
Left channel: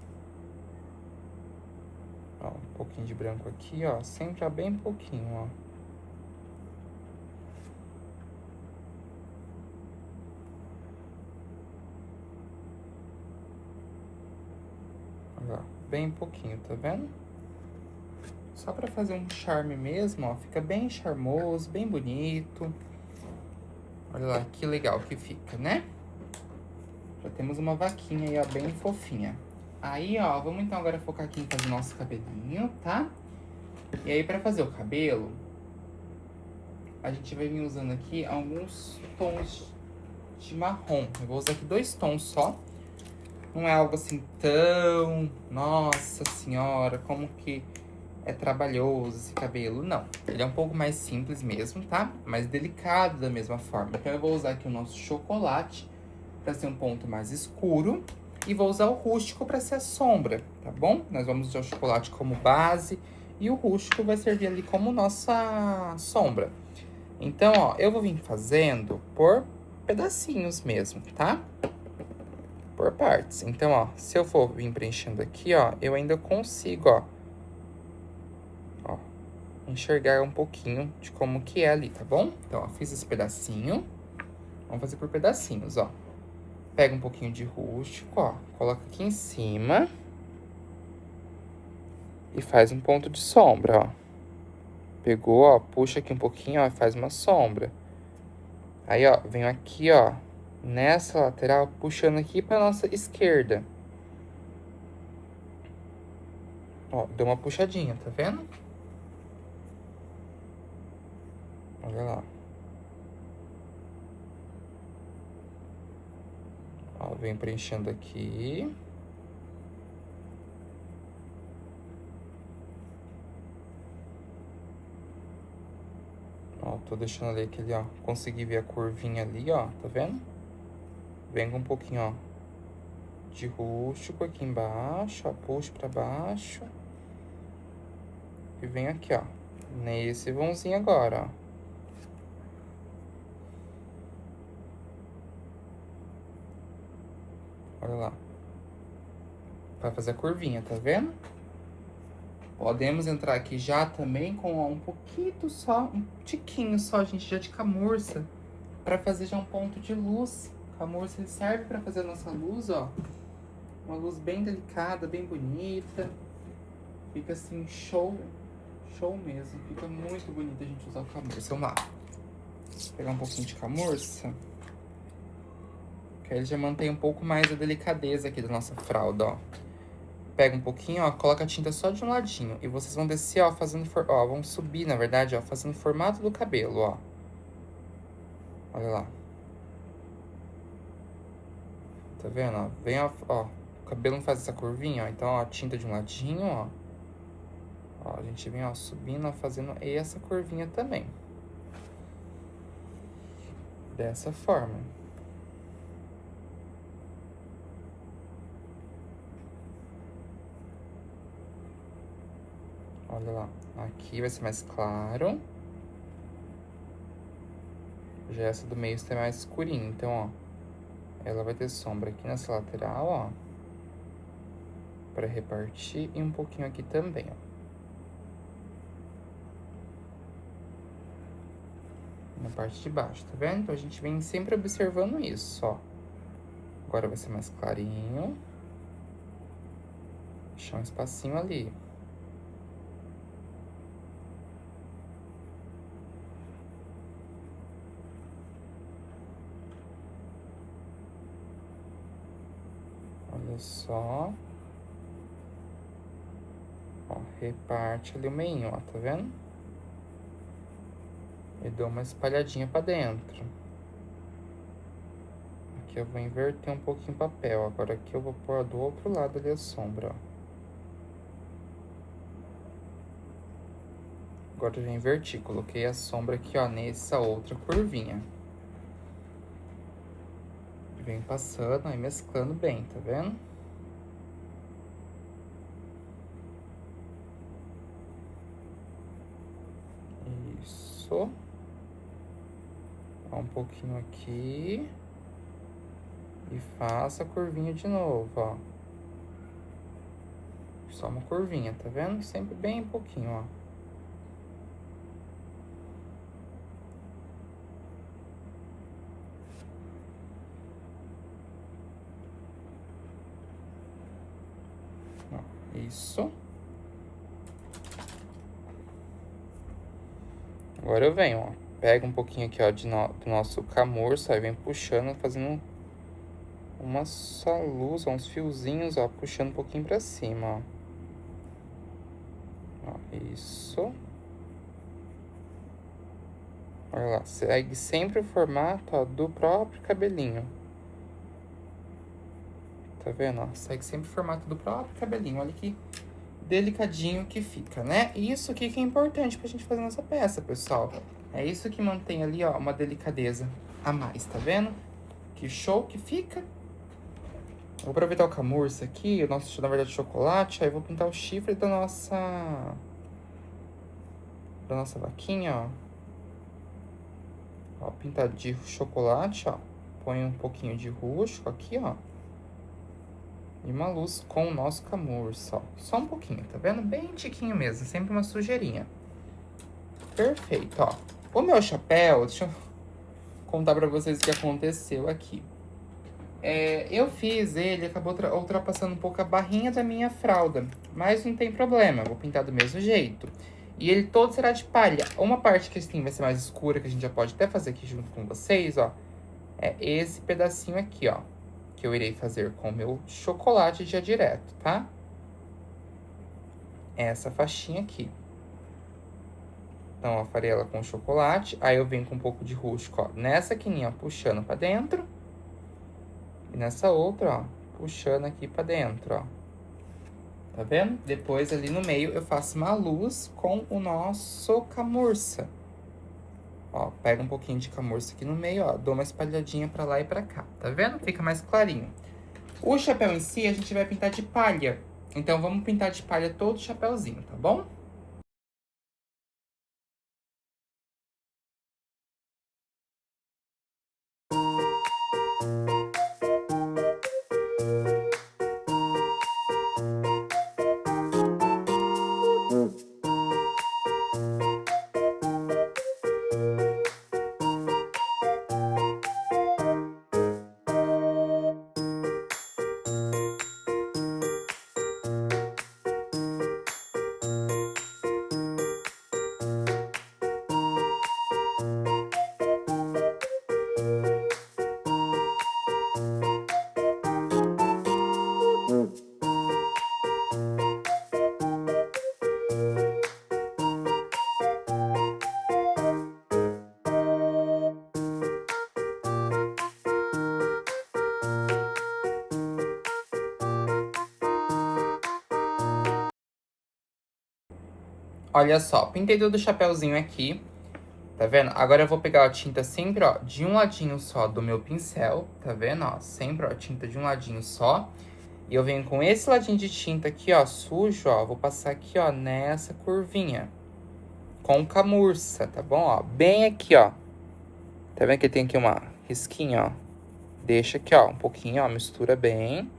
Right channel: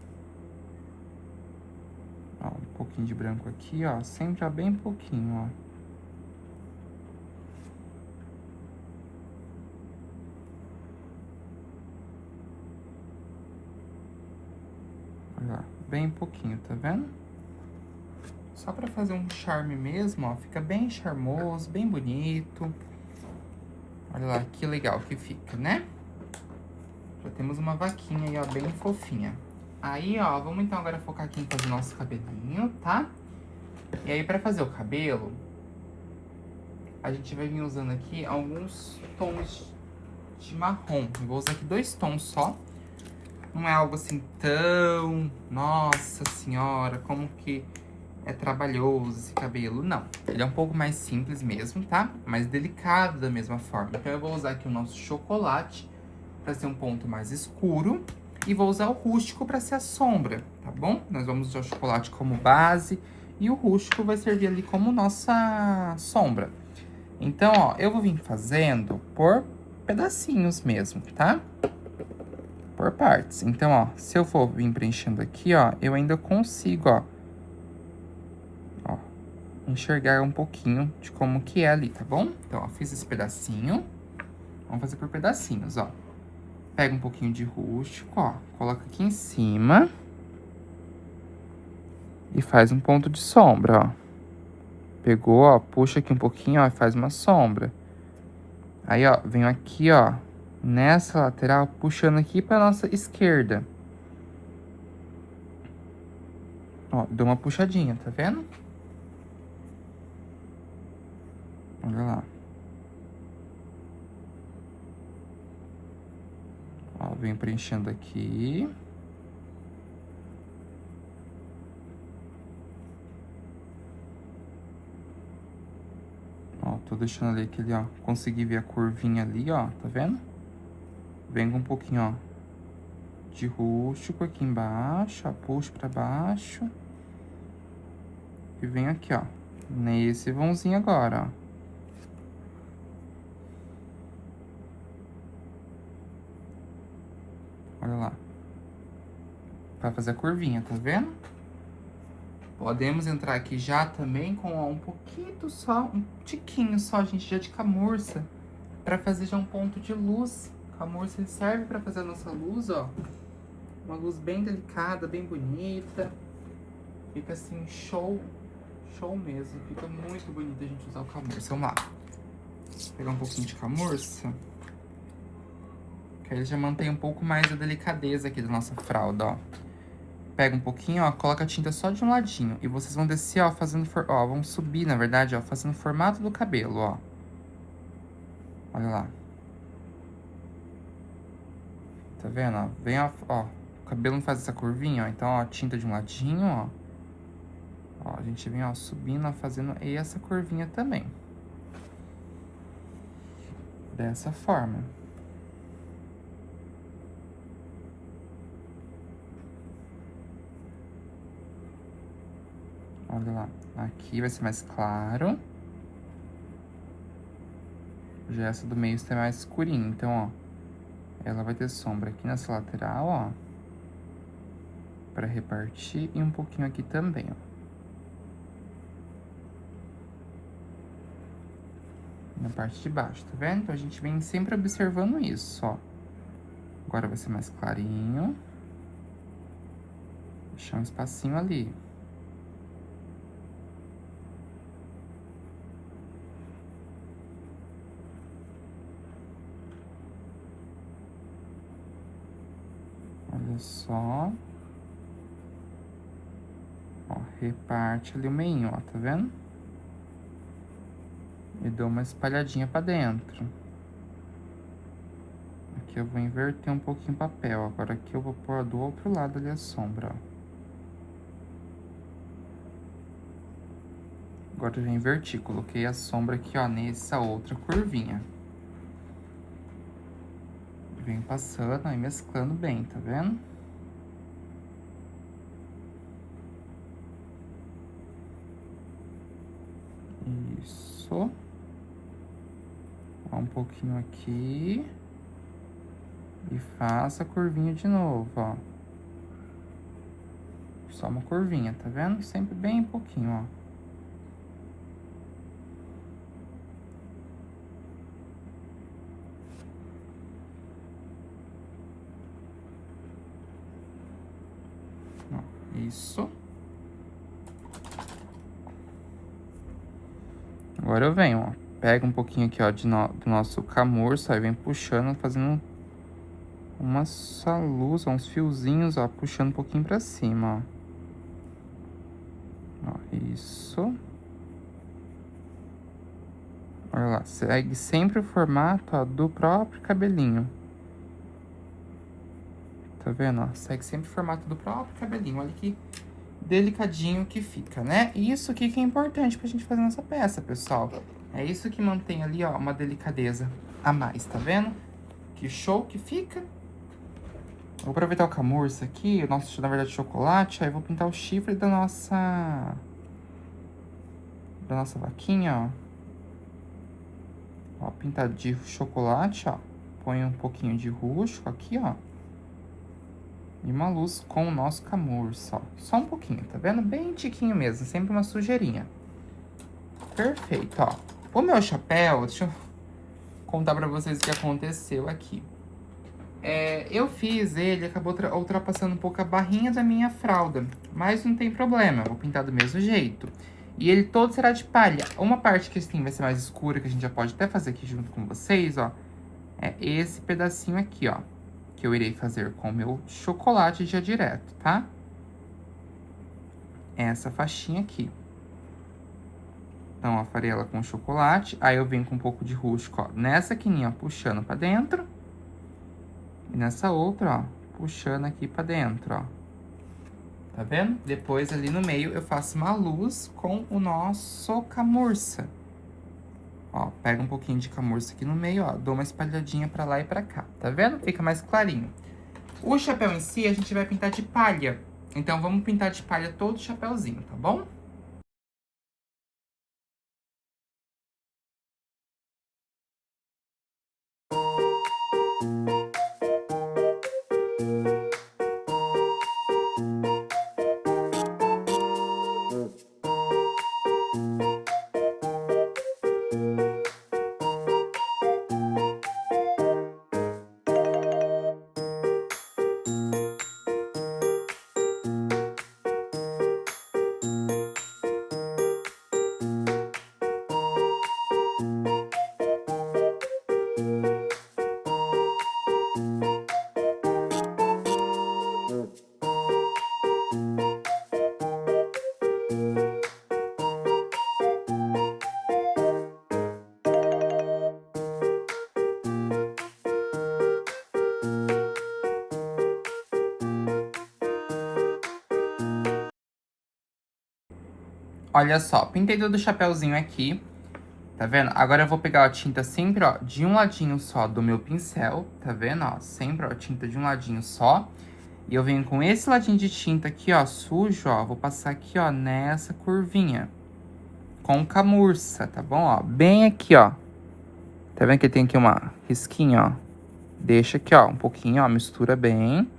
Ó, um pouquinho de branco aqui, ó. Sempre, ó, bem pouquinho, ó. Olha lá, bem pouquinho, tá vendo? Só pra fazer um charme mesmo, ó. Fica bem charmoso, bem bonito. Olha lá, que legal que fica, né? Já temos uma vaquinha aí, ó, bem fofinha. Aí, ó, vamos então agora focar aqui em fazer nosso cabelinho, tá? E aí, pra fazer o cabelo, a gente vai vir usando aqui alguns tons de marrom. Eu vou usar aqui 2 tons só. Não é algo assim tão... Nossa senhora, como que é trabalhoso esse cabelo. Não, ele é um pouco mais simples mesmo, tá? Mais delicado da mesma forma. Então eu vou usar aqui o nosso chocolate pra ser um ponto mais escuro. E vou usar o rústico pra ser a sombra, tá bom? Nós vamos usar o chocolate como base e o rústico vai servir ali como nossa sombra. Então, ó, eu vou vir fazendo por pedacinhos mesmo, tá? Por partes. Então, ó, se eu for vir preenchendo aqui, ó, eu ainda consigo, ó, enxergar um pouquinho de como que é ali, tá bom? Então, ó, fiz esse pedacinho. Vamos fazer por pedacinhos, ó. Pega um pouquinho de rústico, ó, coloca aqui em cima. E faz um ponto de sombra, ó. Pegou, ó, puxa aqui um pouquinho, ó, e faz uma sombra. Aí, ó, venho aqui, ó, nessa lateral, puxando aqui pra nossa esquerda. Ó, dou uma puxadinha, tá vendo? Olha lá. Ó, venho preenchendo aqui. Ó, tô deixando ali aquele, ó, consegui ver a curvinha ali, ó, tá vendo? Venho com um pouquinho, ó, de rústico aqui embaixo, ó, puxo pra baixo. E venho aqui, ó, nesse vãozinho agora, ó. Olha lá. Pra fazer a curvinha, tá vendo? Podemos entrar aqui já também com, ó, um pouquinho só, um tiquinho só, gente, já de camurça. Pra fazer já um ponto de luz. Camurça, ele serve pra fazer a nossa luz, ó. Uma luz bem delicada, bem bonita. Fica assim, show. Show mesmo. Fica muito bonito a gente usar o camurça. Vamos lá. Vou pegar um pouquinho de camurça. Que aí ele já mantém um pouco mais a delicadeza aqui da nossa fralda, ó. Pega um pouquinho, ó, coloca a tinta só de um ladinho. E vocês vão descer, ó, fazendo... Ó, vão subir, na verdade, ó, fazendo o formato do cabelo, ó. Olha lá. Tá vendo, ó? Vem, ó, o cabelo não faz essa curvinha, ó. Então, ó, tinta de um ladinho, ó. Ó, a gente vem, ó, subindo, ó, fazendo essa curvinha também. Dessa forma. Olha lá. Aqui vai ser mais claro. Já essa do meio está mais escurinha. Então, ó. Ela vai ter sombra aqui nessa lateral, ó. Pra repartir. E um pouquinho aqui também, ó. Na parte de baixo, tá vendo? Então, a gente vem sempre observando isso, ó. Agora vai ser mais clarinho. Deixar um espacinho ali. Olha só. Ó, reparte ali o meio, ó, tá vendo? E dou uma espalhadinha pra dentro. Aqui eu vou inverter um pouquinho o papel. Agora aqui eu vou pôr do outro lado ali a sombra, ó. Agora eu já inverti, coloquei a sombra aqui, ó, nessa outra curvinha. Venho passando e mesclando bem, tá vendo? Isso. Ó, um pouquinho aqui. E faça a curvinha de novo, ó. Só uma curvinha, tá vendo? Sempre bem pouquinho, ó. Isso. Agora eu venho, ó. Pega um pouquinho aqui, ó, do nosso camurça, aí vem puxando, fazendo umas luz, uns fiozinhos, ó, puxando um pouquinho pra cima, ó. Ó, isso. Olha lá, segue sempre o formato, ó, do próprio cabelinho. Tá vendo, ó? Segue sempre o formato do próprio cabelinho. Olha que delicadinho que fica, né? E isso aqui que é importante pra gente fazer nessa peça, pessoal. É isso que mantém ali, ó, uma delicadeza a mais, tá vendo? Que show que fica. Vou aproveitar o camurça aqui, o nosso, na verdade, chocolate. Aí vou pintar o chifre da nossa vaquinha, ó. Ó, pintado de chocolate, ó. Põe um pouquinho de rústico aqui, ó. E uma luz com o nosso camurça, ó. Só um pouquinho, tá vendo? Bem tiquinho mesmo, sempre uma sujeirinha. Perfeito, ó. O meu chapéu, deixa eu contar pra vocês o que aconteceu aqui. Eu fiz ele, acabou ultrapassando um pouco a barrinha da minha fralda. Mas não tem problema, eu vou pintar do mesmo jeito. E ele todo será de palha. Uma parte que assim vai ser mais escura, que a gente já pode até fazer aqui junto com vocês, ó. É esse pedacinho aqui, ó. Que eu irei fazer com o meu chocolate já direto, tá? Essa faixinha aqui. Então, ó, farei ela com chocolate. Aí eu venho com um pouco de rústico, ó. Nessa quininha, ó, puxando pra dentro. E nessa outra, ó, puxando aqui pra dentro, ó. Tá vendo? Depois, ali no meio, eu faço uma luz com o nosso camurça. Ó, pego um pouquinho de camurça aqui no meio, ó. Dou uma espalhadinha pra lá e pra cá. Tá vendo? Fica mais clarinho. O chapéu em si, a gente vai pintar de palha. Então, vamos pintar de palha todo o chapéuzinho, tá bom? Olha só, pintei todo o chapéuzinho aqui, tá vendo? Agora eu vou pegar a tinta sempre, ó, de um ladinho só do meu pincel, tá vendo, ó? Sempre, ó, tinta de um ladinho só. E eu venho com esse ladinho de tinta aqui, ó, sujo, ó, vou passar aqui, ó, nessa curvinha. Com camurça, tá bom, ó? Bem aqui, ó. Tá vendo que tem aqui uma risquinha, ó? Deixa aqui, ó, um pouquinho, ó, mistura bem.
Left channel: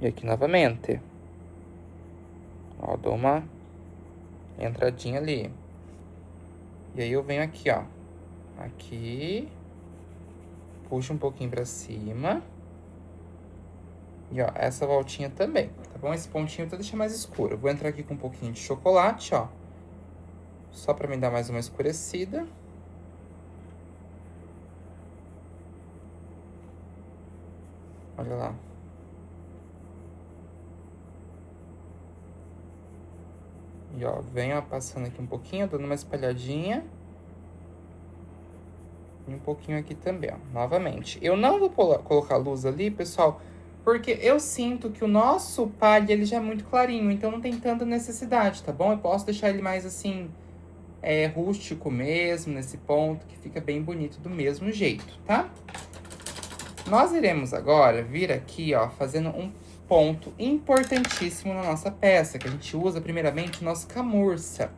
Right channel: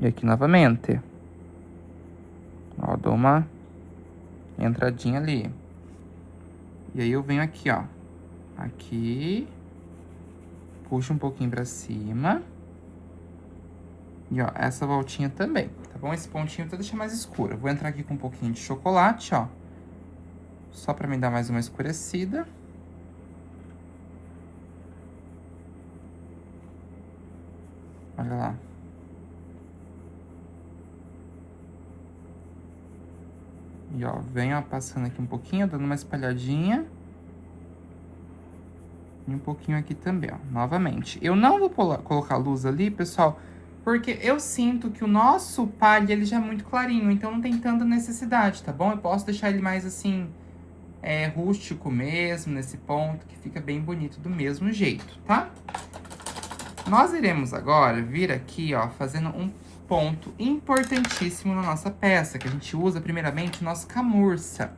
E aqui novamente. Ó, dou uma entradinha ali. E aí eu venho aqui, ó. Aqui. Puxo um pouquinho pra cima. E, ó, essa voltinha também, tá bom? Esse pontinho eu deixa mais escuro. Eu vou entrar aqui com um pouquinho de chocolate, ó. Só pra me dar mais uma escurecida. Olha lá. E, ó, venho passando aqui um pouquinho, dando uma espalhadinha. E um pouquinho aqui também, ó, novamente. Eu não vou colocar luz ali, pessoal, porque eu sinto que o nosso palha, ele já é muito clarinho, então não tem tanta necessidade, tá bom? Eu posso deixar ele mais, assim, rústico mesmo, nesse ponto, que fica bem bonito do mesmo jeito, tá? Nós iremos agora vir aqui, ó, fazendo um ponto importantíssimo na nossa peça, que a gente usa primeiramente o nosso camurça,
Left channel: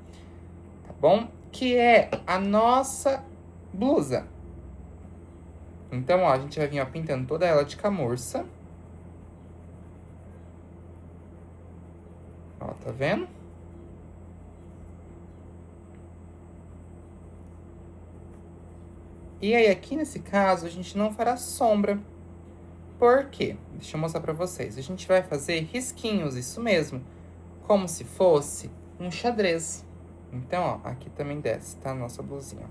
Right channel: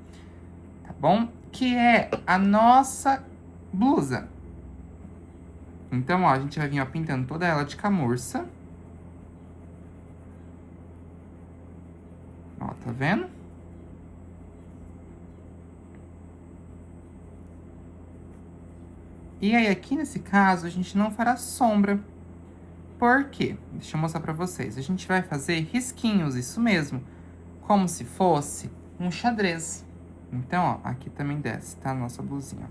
tá bom? Que é a nossa blusa. Então, ó, a gente vai vir, ó, pintando toda ela de camurça. Ó, tá vendo? E aí, aqui nesse caso, a gente não fará sombra. Por quê? Deixa eu mostrar pra vocês. A gente vai fazer risquinhos, isso mesmo. Como se fosse um xadrez. Então, ó, aqui também desce, tá? A nossa blusinha.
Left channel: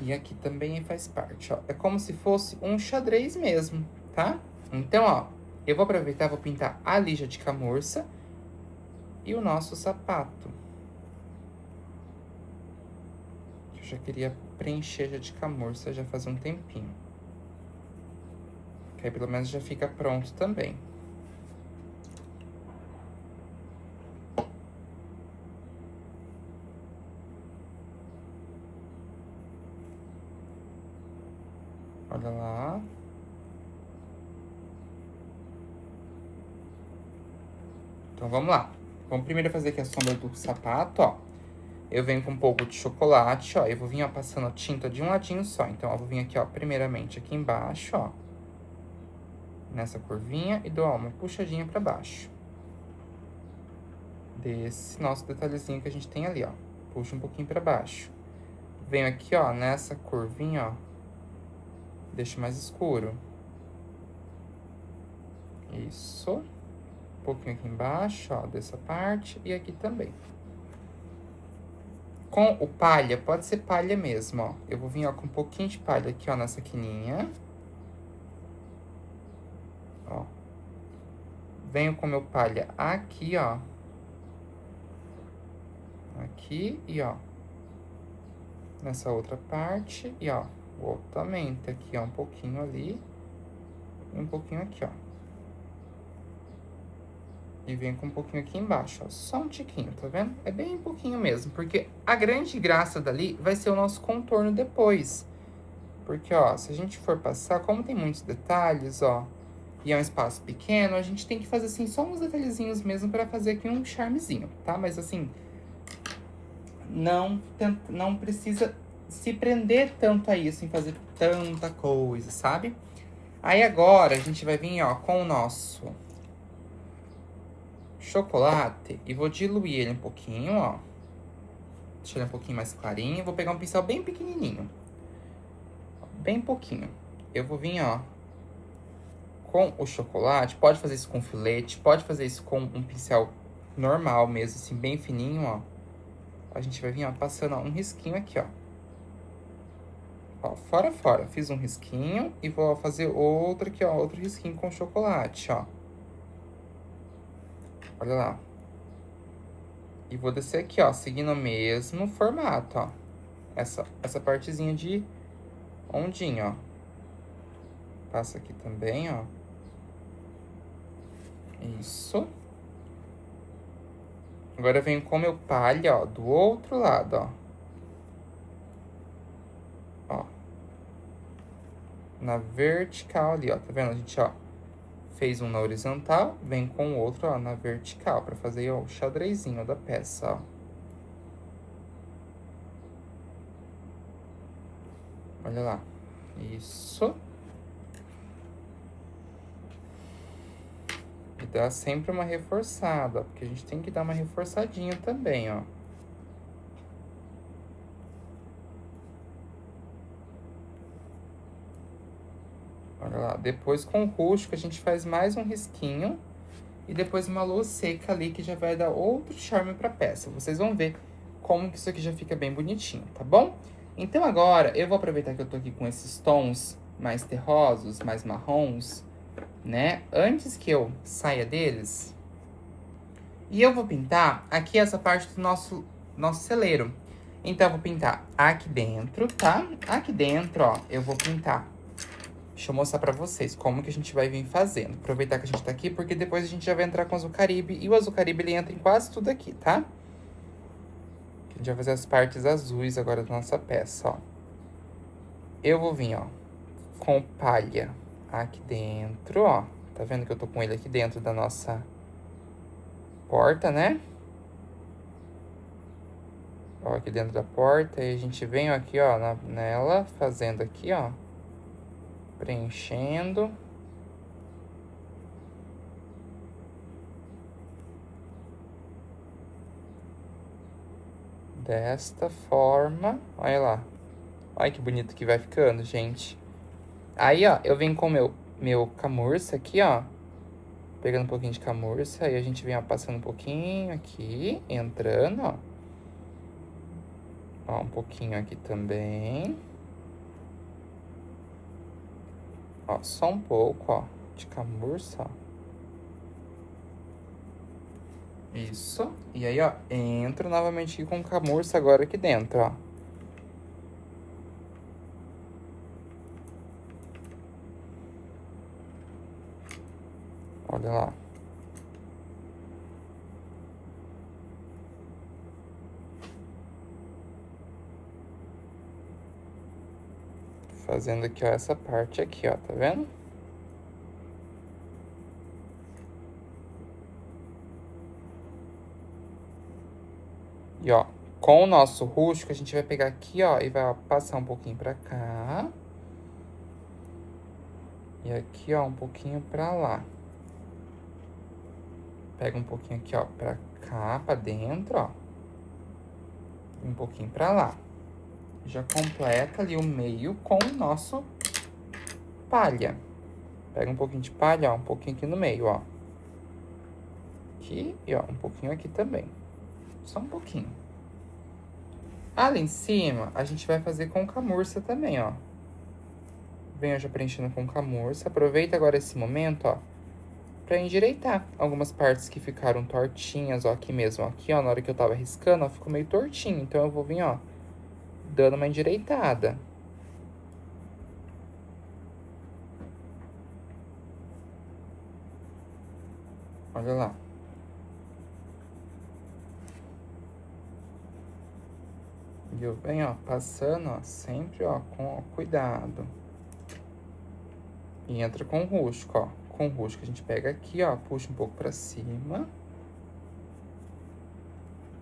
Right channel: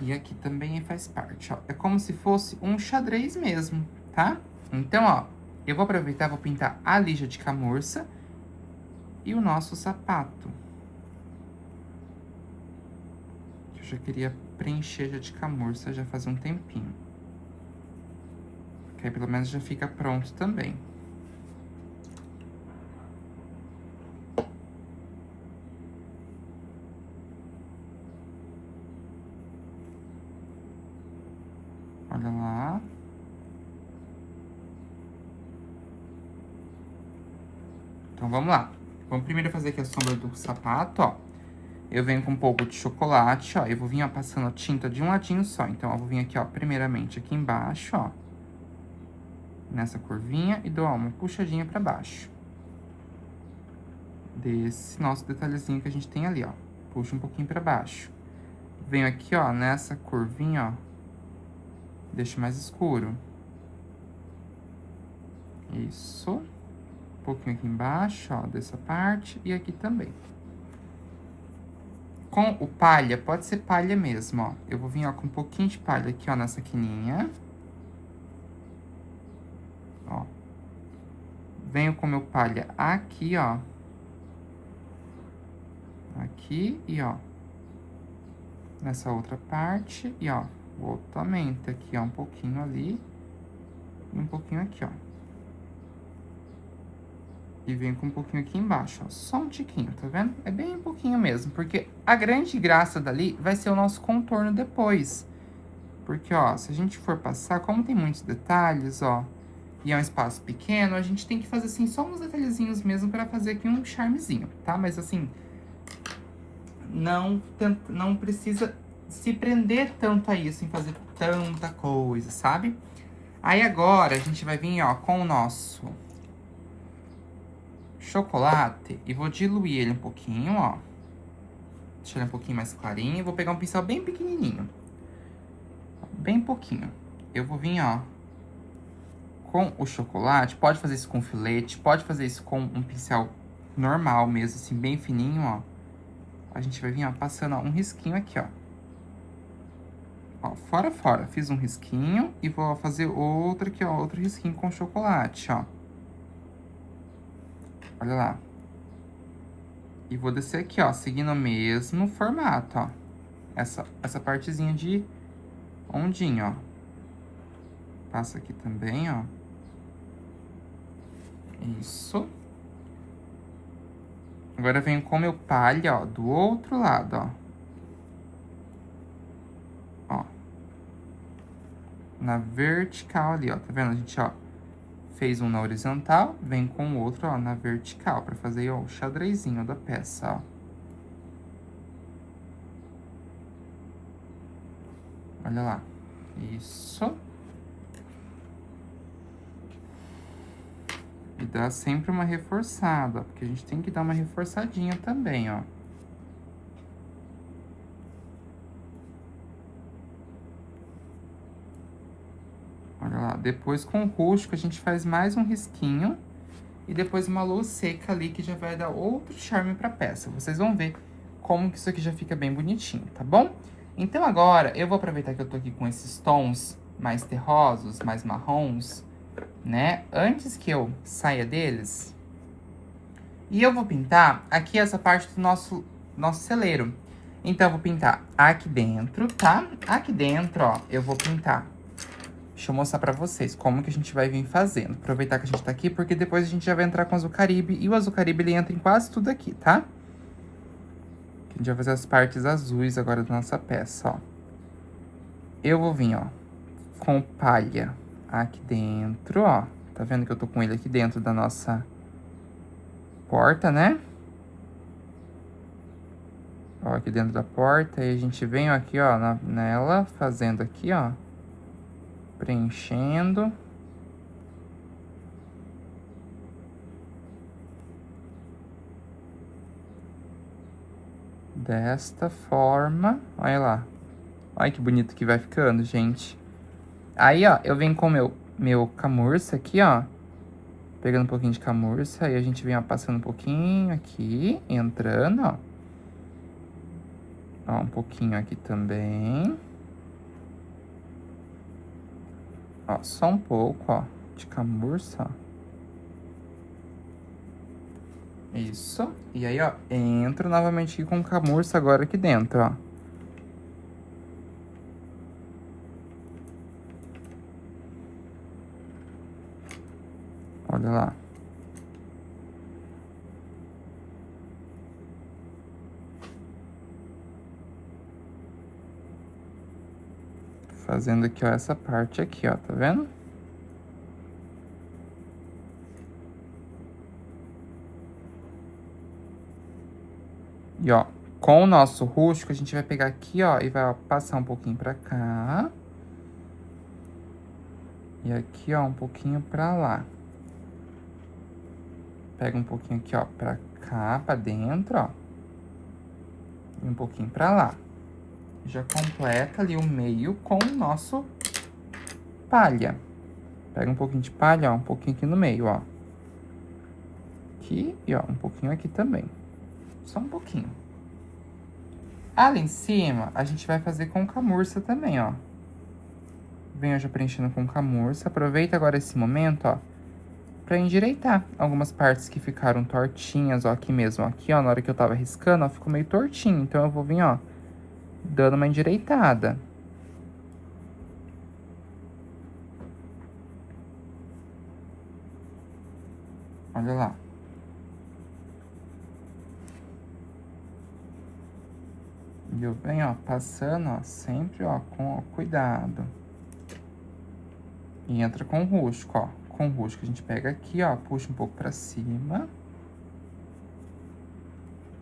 E aqui também faz parte, ó. É como se fosse um xadrez mesmo, tá? Então, ó, eu vou aproveitar e vou pintar a lija de camurça e o nosso sapato. Eu já queria preencher já de camurça já faz um tempinho. Que aí pelo menos já fica pronto também. Olha lá. Então, vamos lá. Vamos primeiro fazer aqui a sombra do sapato, ó. Eu venho com um pouco de chocolate, ó. Eu vou vir, ó, passando a tinta de um ladinho só. Então, eu vou vir aqui, ó, primeiramente aqui embaixo, ó. Nessa curvinha e dou, ó, uma puxadinha pra baixo. Desse nosso detalhezinho que a gente tem ali, ó. Puxa um pouquinho pra baixo. Venho aqui, ó, nessa curvinha, ó. Deixo mais escuro. Isso. Um pouquinho aqui embaixo, ó, dessa parte. E aqui também. Com o palha, pode ser palha mesmo, ó. Eu vou vir, ó, com um pouquinho de palha aqui, ó, nessa quininha. Ó. Venho com meu palha aqui, ó. Aqui e, ó. Nessa outra parte. E, ó, voltamente aqui, ó, um pouquinho ali. E um pouquinho aqui, ó. E venho com um pouquinho aqui embaixo, ó. Só um tiquinho, tá vendo? É bem um pouquinho mesmo, porque a grande graça dali vai ser o nosso contorno depois. Porque, ó, se a gente for passar, como tem muitos detalhes, ó, e é um espaço pequeno, a gente tem que fazer, assim, só uns detalhezinhos mesmo pra fazer aqui um charmezinho, tá? Mas, assim, não precisa se prender tanto a isso, em fazer tanta coisa, sabe? Aí, agora, a gente vai vir, ó, com o nosso chocolate e vou diluir ele um pouquinho, ó. Deixar ele um pouquinho mais clarinho. Vou pegar um pincel bem pequenininho. Bem pouquinho. Eu vou vir, ó, com o chocolate. Pode fazer isso com filete, pode fazer isso com um pincel normal mesmo, assim, bem fininho, ó. A gente vai vir, ó, passando, ó, um risquinho aqui, ó. Ó, fora. Fiz um risquinho e vou fazer outro aqui, ó, outro risquinho com chocolate, ó. Olha lá. E vou descer aqui, ó, seguindo o mesmo formato, ó. Essa partezinha de ondinha, ó. Passa aqui também, ó. Isso. Agora eu venho com o meu palha, ó, do outro lado, ó. Ó. Na vertical ali, ó. Tá vendo? A gente, ó, fez um na horizontal, vem com o outro, ó, na vertical, pra fazer, ó, o xadrezinho da peça, ó. Olha lá. Isso. E dá sempre uma reforçada, porque a gente tem que dar uma reforçadinha também, ó. Olha lá, depois com o rústico a gente faz mais um risquinho. E depois uma luz seca ali, que já vai dar outro charme pra peça. Vocês vão ver como que isso aqui já fica bem bonitinho, tá bom? Então agora, eu vou aproveitar que eu tô aqui com esses tons mais terrosos, mais marrons, né? Antes que eu saia deles, e eu vou pintar aqui essa parte do nosso celeiro. Então, eu vou pintar aqui dentro, tá? Aqui dentro, ó, eu vou pintar. Deixa eu mostrar pra vocês como que a gente vai vir fazendo. Aproveitar que a gente tá aqui, porque depois a gente já vai entrar com o Azul Caribe. E o Azul Caribe, ele entra em quase tudo aqui, tá? A gente vai fazer as partes azuis agora da nossa peça, ó. Eu vou vir, ó, com palha aqui dentro, ó. Tá vendo que eu tô com ele aqui dentro da nossa porta, né? Ó, aqui dentro da porta. E a gente vem aqui, ó, nela, fazendo aqui, ó. Preenchendo. Desta forma. Olha lá. Olha que bonito que vai ficando, gente. Aí, ó, eu venho com meu camurça aqui, ó. Pegando um pouquinho de camurça. Aí a gente vem, ó, passando um pouquinho aqui. Entrando, ó. Ó, um pouquinho aqui também. Ó, só um pouco, ó, de camurça, ó. Isso. E aí, ó, entro novamente aqui com camurça agora aqui dentro, ó. Olha lá. Fazendo aqui, ó, essa parte aqui, ó, tá vendo? E, ó, com o nosso rústico, a gente vai pegar aqui, ó, e vai, ó, passar um pouquinho pra cá. E aqui, ó, um pouquinho pra lá. Pega um pouquinho aqui, ó, pra cá, pra dentro, ó. E um pouquinho pra lá. Já completa ali o meio com o nosso palha. Pega um pouquinho de palha, ó, um pouquinho aqui no meio, ó. Aqui e, ó, um pouquinho aqui também. Só um pouquinho. Ali em cima, a gente vai fazer com camurça também, ó. Venho já preenchendo com camurça. Aproveita agora esse momento, ó, pra endireitar algumas partes que ficaram tortinhas, ó, aqui mesmo. Aqui, ó, na hora que eu tava riscando, ó, ficou meio tortinho. Então, eu vou vir, ó, dando uma endireitada. Olha lá. E eu venho, ó, passando, ó, sempre, ó, com cuidado. E entra com o rústico, ó. Com o rústico a gente pega aqui, ó, puxa um pouco pra cima.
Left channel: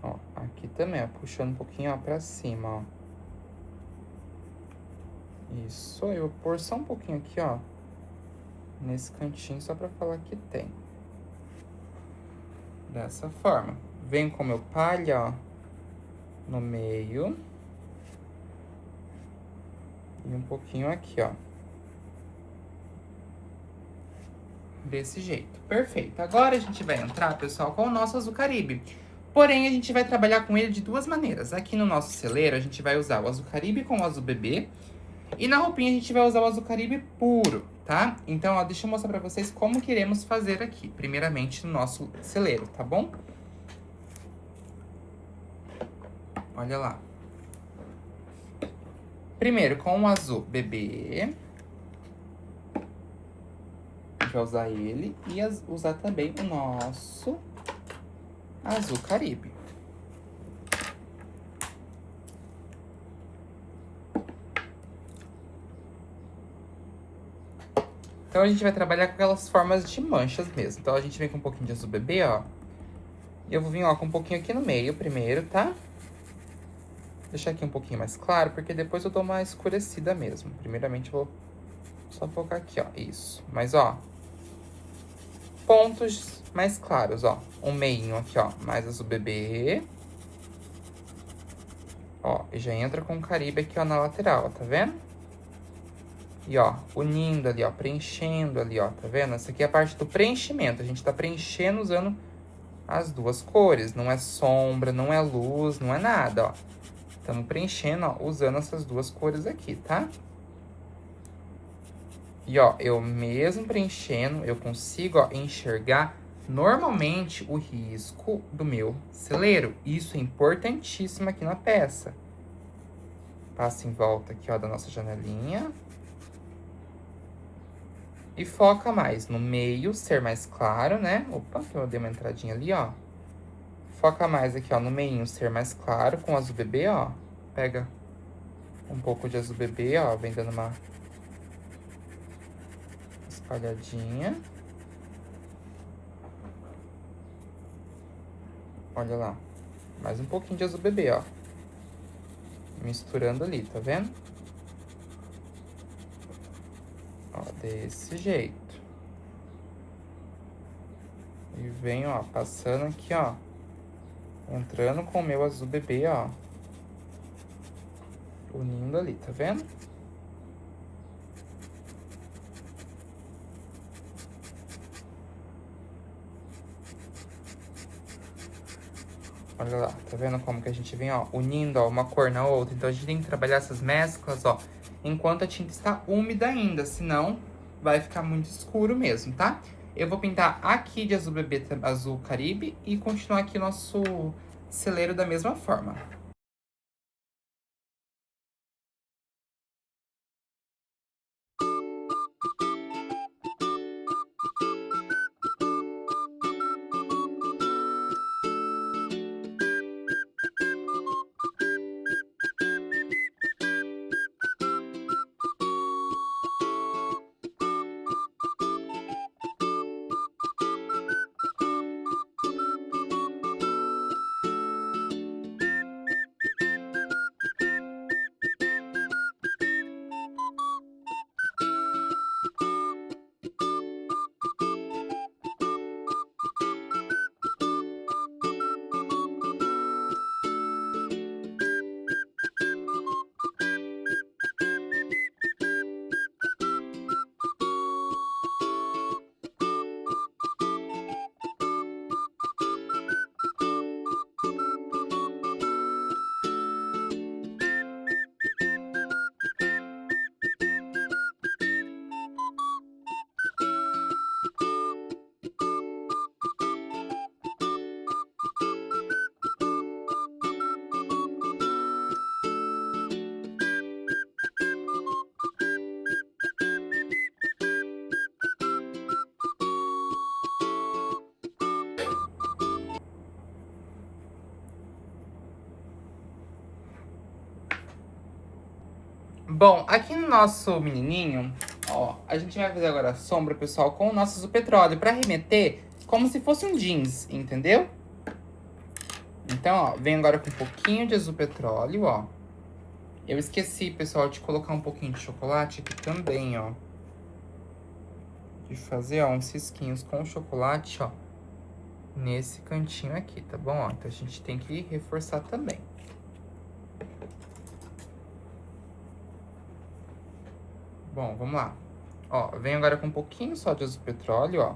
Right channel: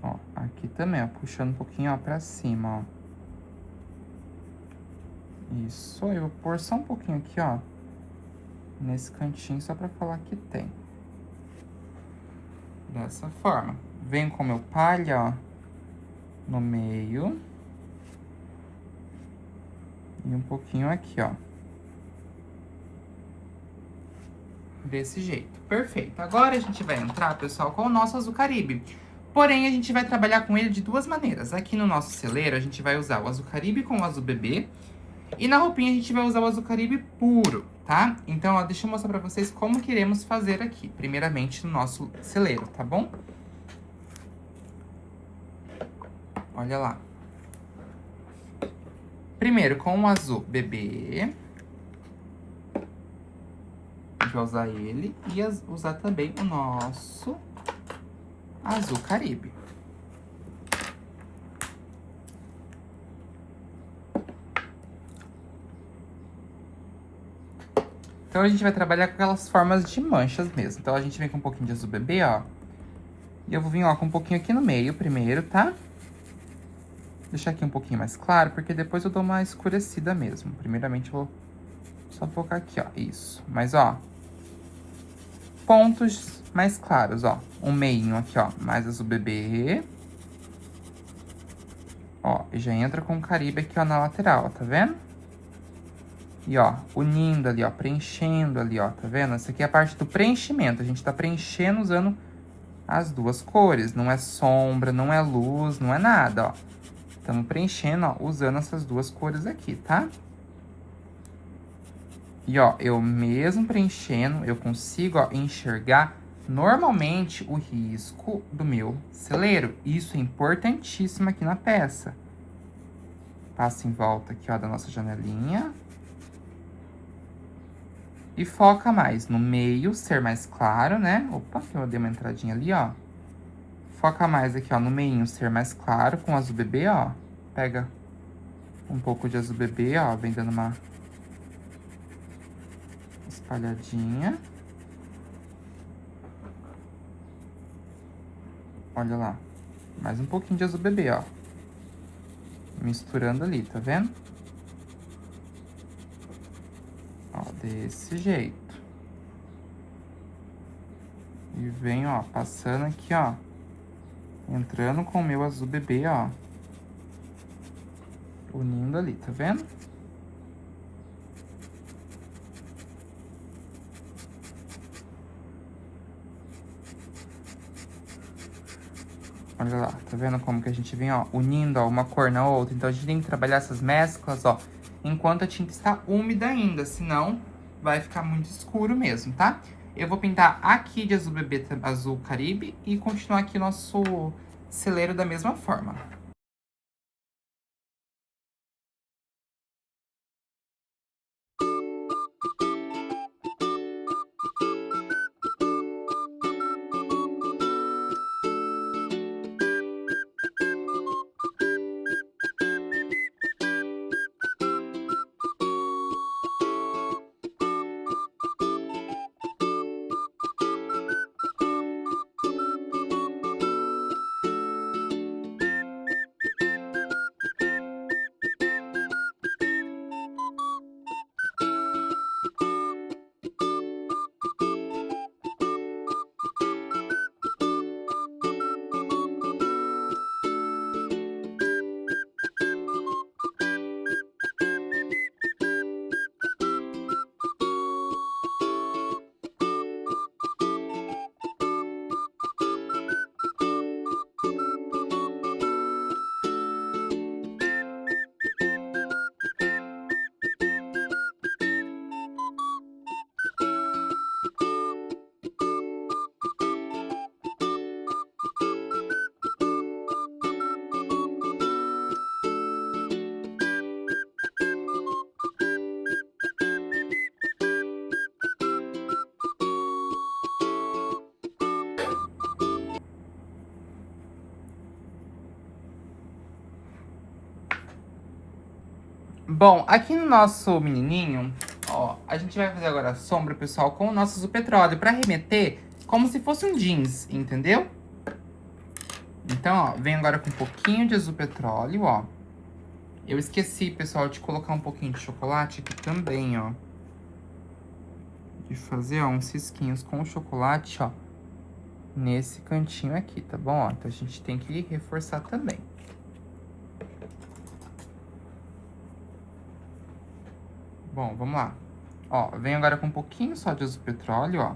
Ó, aqui também, ó, puxando um pouquinho, ó, pra cima, ó. Isso, eu vou pôr só um pouquinho aqui, ó, nesse cantinho, só pra falar que tem. Dessa forma. Venho com o meu palha, ó, no meio. E um pouquinho aqui, ó. Desse jeito. Perfeito. Agora a gente vai entrar, pessoal, com o nosso Azul Caribe. Porém, a gente vai trabalhar com ele de duas maneiras. Aqui no nosso celeiro, a gente vai usar o Azul Caribe com o Azul Bebê. E na roupinha, a gente vai usar o Azul Caribe puro, tá? Então, ó, deixa eu mostrar pra vocês como que iremos fazer aqui. Primeiramente, no nosso celeiro, tá bom? Olha lá. Primeiro, com o Azul Bebê. A gente vai usar ele e usar também o nosso Azul Caribe. Então, a gente vai trabalhar com aquelas formas de manchas mesmo. Então, a gente vem com um pouquinho de Azul Bebê, ó. E eu vou vir, ó, com um pouquinho aqui no meio primeiro, tá? Deixar aqui um pouquinho mais claro, porque depois eu dou uma escurecida mesmo. Primeiramente, eu vou só focar aqui, ó. Isso. Mas, ó, pontos mais claros, ó. Um meinho aqui, ó, mais Azul Bebê. Ó, e já entra com o Caribe aqui, ó, na lateral, tá vendo? E, ó, unindo ali, ó, preenchendo ali, ó, tá vendo? Essa aqui é a parte do preenchimento. A gente tá preenchendo usando as duas cores. Não é sombra, não é luz, não é nada, ó. Estamos preenchendo, ó, usando essas duas cores aqui, tá? E, ó, eu mesmo preenchendo, eu consigo, ó, enxergar normalmente o risco do meu celeiro. Isso é importantíssimo aqui na peça. Passa em volta aqui, ó, da nossa janelinha. E foca mais no meio, ser mais claro, né? Opa, eu dei uma entradinha ali, ó. Foca mais aqui, ó, no meinho, ser mais claro com azul bebê, ó. Pega um pouco de azul bebê, ó, vem dando uma espalhadinha. Olha lá. Mais um pouquinho de azul bebê, ó. Misturando ali, tá vendo? Ó, desse jeito. E venho, ó, passando aqui, ó. Entrando com o meu azul bebê, ó. Unindo ali, tá vendo? Olha lá, tá vendo como que a gente vem, ó, unindo, ó, uma cor na outra? Então, a gente tem que trabalhar essas mesclas, ó, enquanto a tinta está úmida ainda, senão vai ficar muito escuro mesmo, tá? Eu vou pintar aqui de azul bebê, azul caribe e continuar aqui nosso celeiro da mesma forma. Bom, aqui no nosso menininho, ó, a gente vai fazer agora a sombra, pessoal, com o nosso azul petróleo, pra remeter como se fosse um jeans, entendeu? Então, ó, venho agora com um pouquinho de azul petróleo, ó. Eu esqueci, pessoal, de colocar um pouquinho de chocolate aqui também, ó. De fazer, ó, uns cisquinhos com chocolate, ó. Nesse cantinho aqui, tá bom? Ó, então, a gente tem que reforçar também. Bom, vamos lá. Ó, venho agora com um pouquinho só de azul petróleo, ó.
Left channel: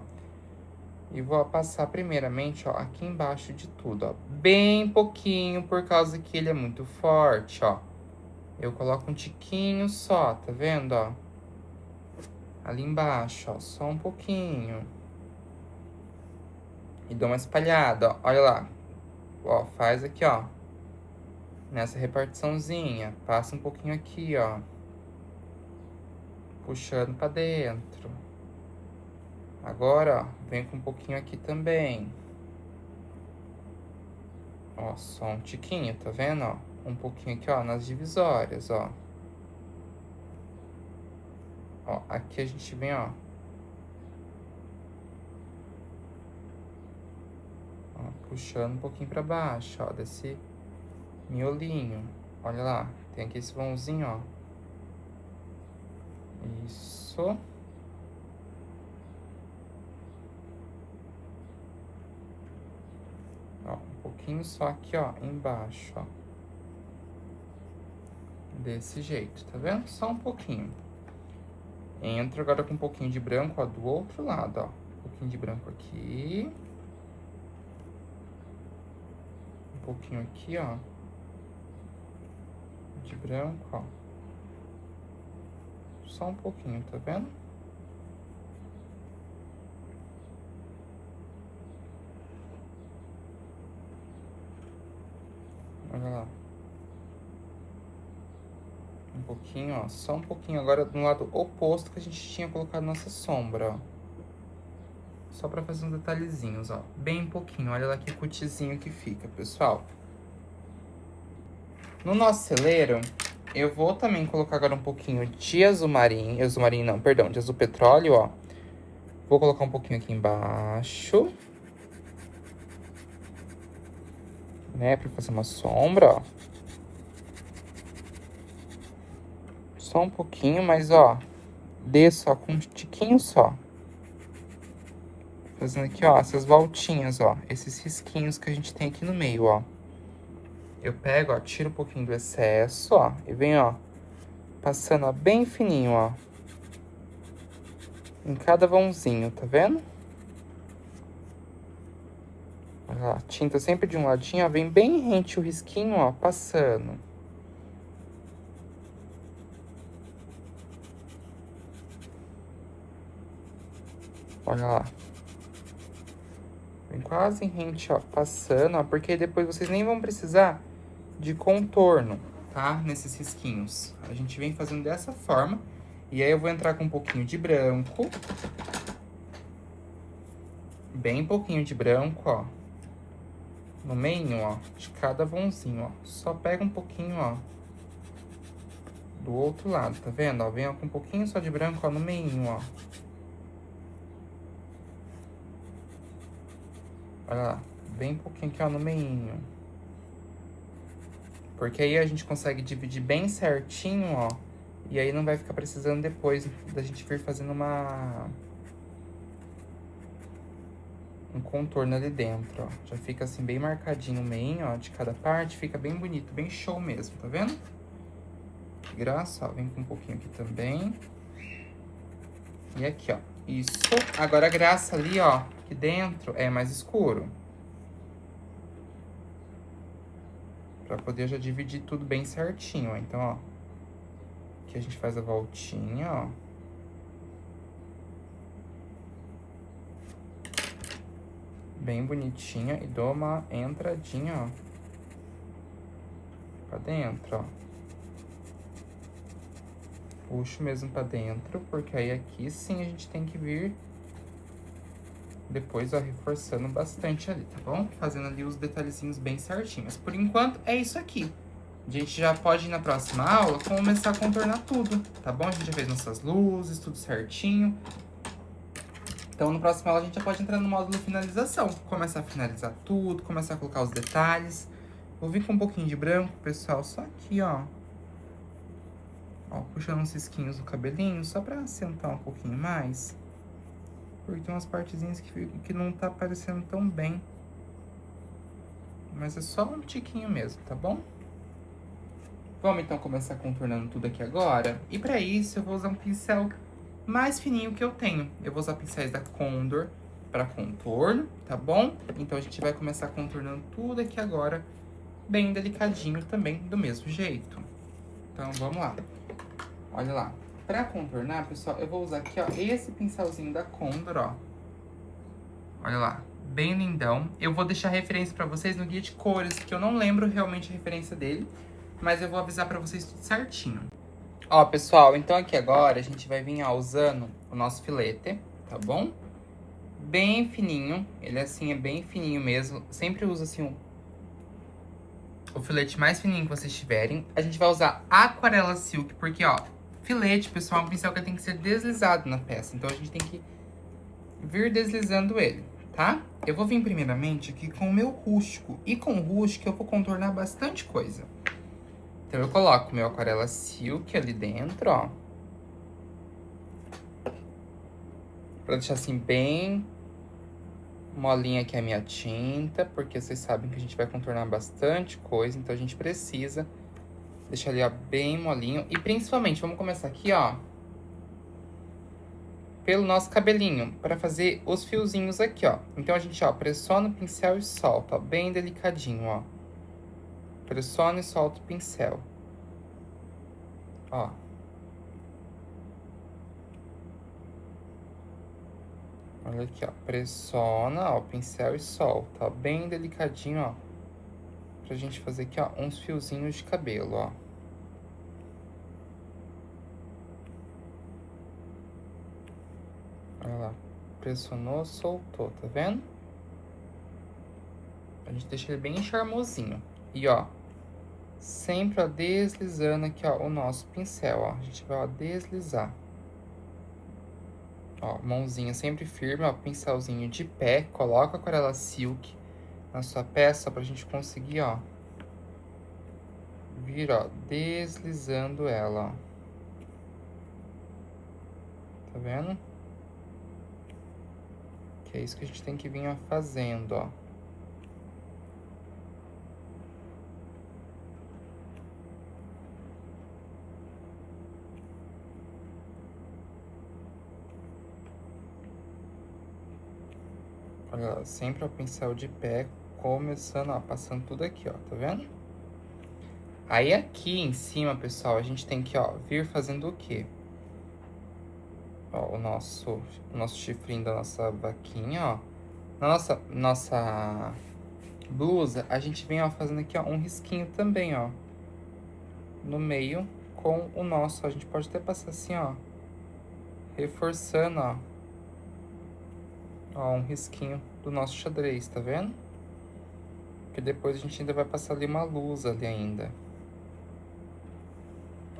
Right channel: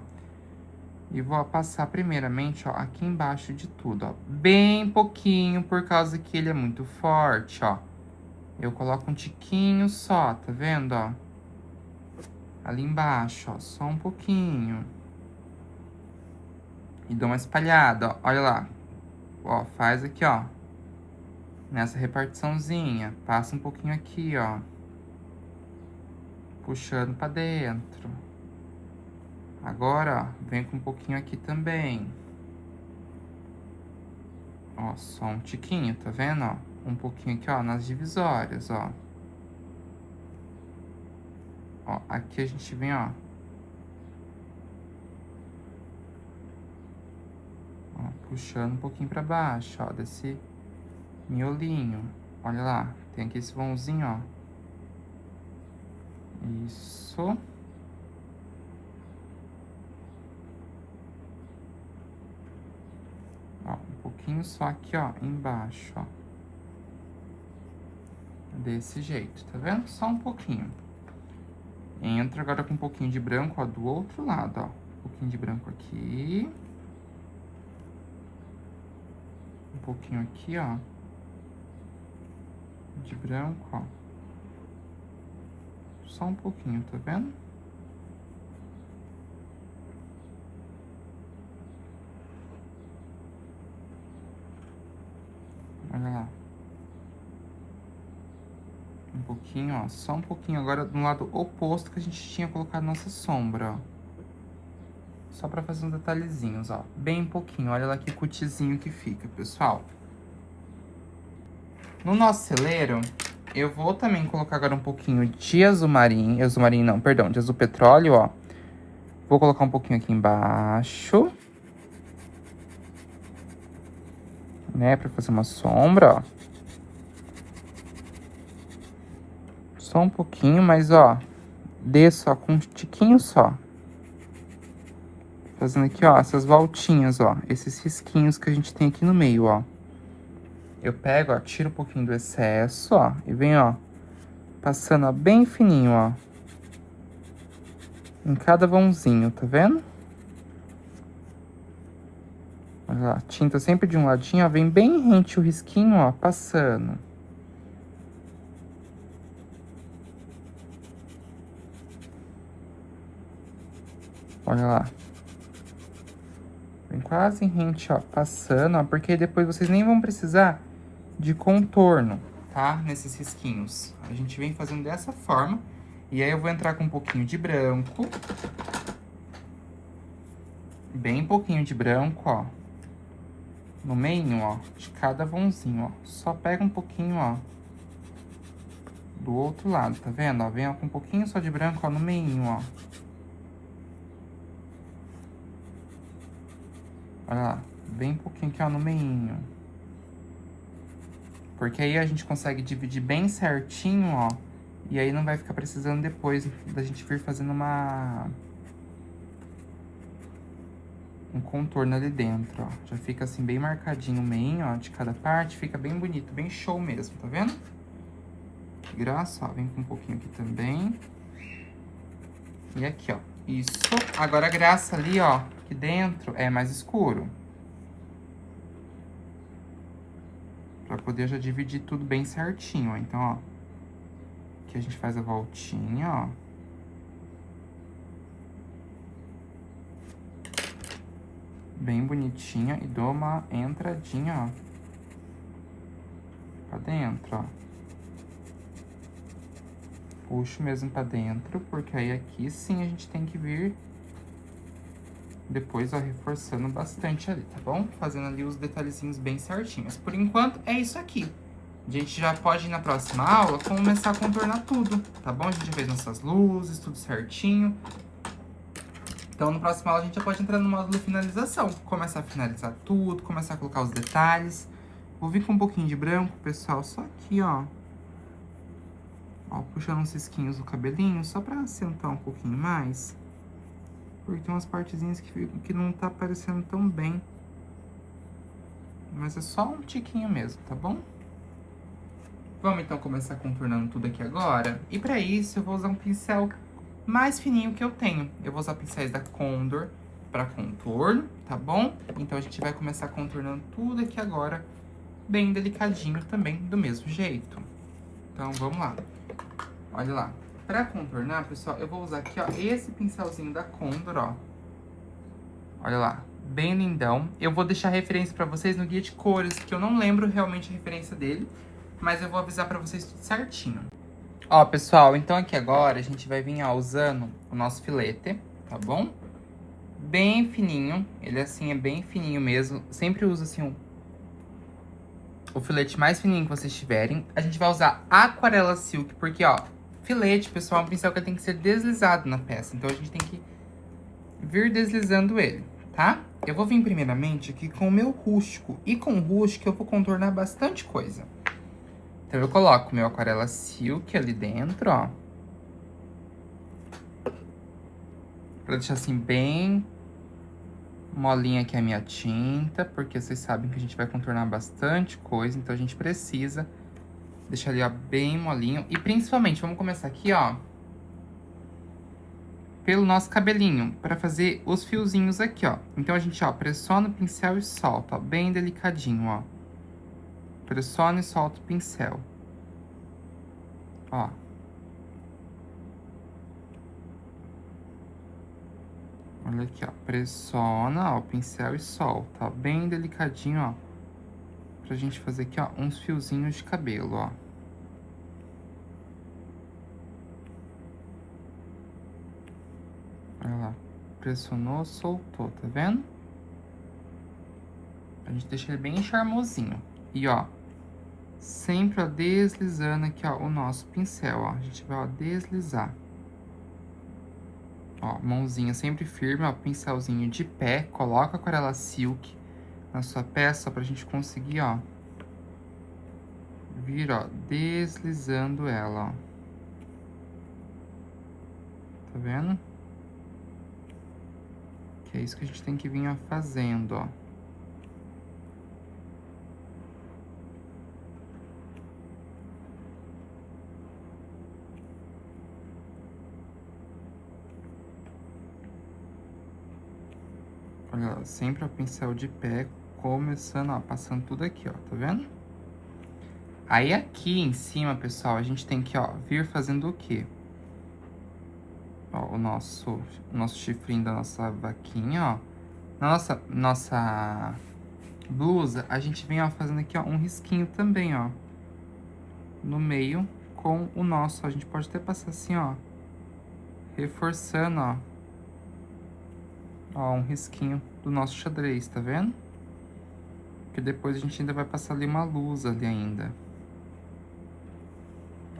E vou passar primeiramente, ó, aqui embaixo de tudo, ó. Bem pouquinho, por causa que ele é muito forte, ó. Eu coloco um tiquinho só, tá vendo, ó? Ali embaixo, ó, só um pouquinho. E dou uma espalhada, ó, olha lá. Ó, faz aqui, ó. Nessa repartiçãozinha. Passa um pouquinho aqui, ó. Puxando pra dentro. Agora, ó, vem com um pouquinho aqui também. Ó, só um tiquinho, tá vendo, ó? Um pouquinho aqui, ó, nas divisórias, ó. Ó, aqui a gente vem, ó. Ó, puxando um pouquinho pra baixo, ó, desse miolinho. Olha lá, tem aqui esse vãozinho, ó. Isso. Ó, um pouquinho só aqui, ó, embaixo, ó. Desse jeito, tá vendo? Só um pouquinho. Entra agora com um pouquinho de branco, ó, do outro lado, ó. Um pouquinho de branco aqui. Um pouquinho aqui, ó. De branco, ó. Só um pouquinho, tá vendo? Olha lá. Um pouquinho, ó. Só um pouquinho. Agora no lado oposto que a gente tinha colocado nossa sombra, ó. Só pra fazer uns detalhezinhos, ó. Bem pouquinho. Olha lá que cutizinho que fica, pessoal. No nosso celeiro, eu vou também colocar agora um pouquinho de azul marinho. Azul marinho não, perdão. De azul petróleo, ó. Vou colocar um pouquinho aqui embaixo. Né, pra fazer uma sombra, ó. Só um pouquinho, mas, ó. Desço, ó, com um tiquinho só. Fazendo aqui, ó, essas voltinhas, ó. Esses risquinhos que a gente tem aqui no meio, ó. Eu pego, ó, tiro um pouquinho do excesso, ó. E venho, ó, passando, ó, bem fininho, ó. Em cada vãozinho, tá vendo? Olha lá, tinta sempre de um ladinho, ó. Vem bem rente o risquinho, ó, passando. Olha lá. Vem quase em rente, ó, passando, ó. Porque depois vocês nem vão precisar de contorno, tá? Nesses risquinhos. A gente vem fazendo dessa forma. E aí eu vou entrar com um pouquinho de branco. Bem pouquinho de branco, ó. No meio, ó, de cada vãozinho, ó. Só pega um pouquinho, ó. Do outro lado, tá vendo? Ó, vem ó, com um pouquinho só de branco, ó, no meio, ó. Olha lá. Bem pouquinho aqui, ó, no meio. Porque aí a gente consegue dividir bem certinho, ó. E aí não vai ficar precisando depois da gente vir fazendo um contorno ali dentro, ó. Já fica assim bem marcadinho o meio, ó, de cada parte. Fica bem bonito, bem show mesmo, tá vendo? Graça, ó, vem com um pouquinho aqui também. E aqui, ó. Isso. Agora a graça ali, ó, aqui dentro é mais escuro. Pra poder já dividir tudo bem certinho, ó. Então, ó. Aqui a gente faz a voltinha, ó. Bem bonitinha e dou uma entradinha, ó. Pra dentro, ó. Puxo mesmo pra dentro, porque aí aqui sim a gente tem que vir depois, ó, reforçando bastante ali, tá bom? Fazendo ali os detalhezinhos bem certinhos. Por enquanto, é isso aqui. A gente já pode, na próxima aula, começar a contornar tudo, tá bom? A gente já fez nossas luzes, tudo certinho. Então, no próximo aula, a gente já pode entrar no módulo finalização. Começar a finalizar tudo, começar a colocar os detalhes. Vou vir com um pouquinho de branco, pessoal, só aqui, ó. Ó, puxando uns risquinhos no cabelinho, só pra acentuar um pouquinho mais. Porque tem umas partezinhas que não tá aparecendo tão bem. Mas é só um tiquinho mesmo, tá bom? Vamos então começar contornando tudo aqui agora. E pra isso eu vou usar um pincel mais fininho que eu tenho. Eu vou usar pincéis da Condor pra contorno, tá bom? Então a gente vai começar contornando tudo aqui agora, bem delicadinho também, do mesmo jeito. Então vamos lá. Olha lá. Pra contornar, pessoal, eu vou usar aqui, ó, esse pincelzinho da Condor, ó. Olha lá, bem lindão. Eu vou deixar referência pra vocês no guia de cores, que eu não lembro realmente a referência dele, mas eu vou avisar pra vocês tudo certinho. Ó, pessoal, então aqui agora a gente vai vir, ó, usando o nosso filete, tá bom? Bem fininho, ele assim é bem fininho mesmo. Sempre uso assim o filete mais fininho que vocês tiverem. A gente vai usar Aquarela Silk, porque, ó, filete, pessoal, é um pincel que tem que ser deslizado na peça. Então, a gente tem que vir deslizando ele, tá? Eu vou vir primeiramente aqui com o meu rústico. E com o rústico eu vou contornar bastante coisa. Então, eu coloco o meu Aquarela Silk ali dentro, ó. Pra deixar assim bem molinha aqui a minha tinta. Porque vocês sabem que a gente vai contornar bastante coisa. Então, a gente precisa deixar ali, ó, bem molinho. E principalmente, vamos começar aqui, ó, pelo nosso cabelinho, pra fazer os fiozinhos aqui, ó. Então, a gente, ó, pressiona o pincel e solta, ó, bem delicadinho, ó. Pressiona e solta o pincel. Ó. Olha aqui, ó. Pressiona, ó, o pincel e solta, ó. Bem delicadinho, ó. Pra gente fazer aqui, ó, uns fiozinhos de cabelo, ó. Olha lá. Pressionou, soltou, tá vendo? A gente deixa ele bem charmosinho. E, ó, sempre, ó, deslizando aqui, ó, o nosso pincel, ó. A gente vai, ó, deslizar. Ó, mãozinha sempre firme, ó, pincelzinho de pé. Coloca a aquarela silk na sua peça pra gente conseguir, ó, vir, ó, deslizando ela, ó. Tá vendo? Que é isso que a gente tem que vir, ó, fazendo, ó. Olha lá, sempre o pincel de pé, começando, ó, passando tudo aqui, ó, tá vendo? Aí aqui em cima, pessoal, a gente tem que, ó, vir fazendo o quê? Ó, o nosso chifrinho da nossa vaquinha, ó. Na nossa blusa, a gente vem, ó, fazendo aqui, ó, um risquinho também, ó. No meio com o nosso, a gente pode até passar assim, ó. Reforçando, ó. Ó, um risquinho do nosso xadrez, tá vendo? Porque depois a gente ainda vai passar ali uma luz ali ainda.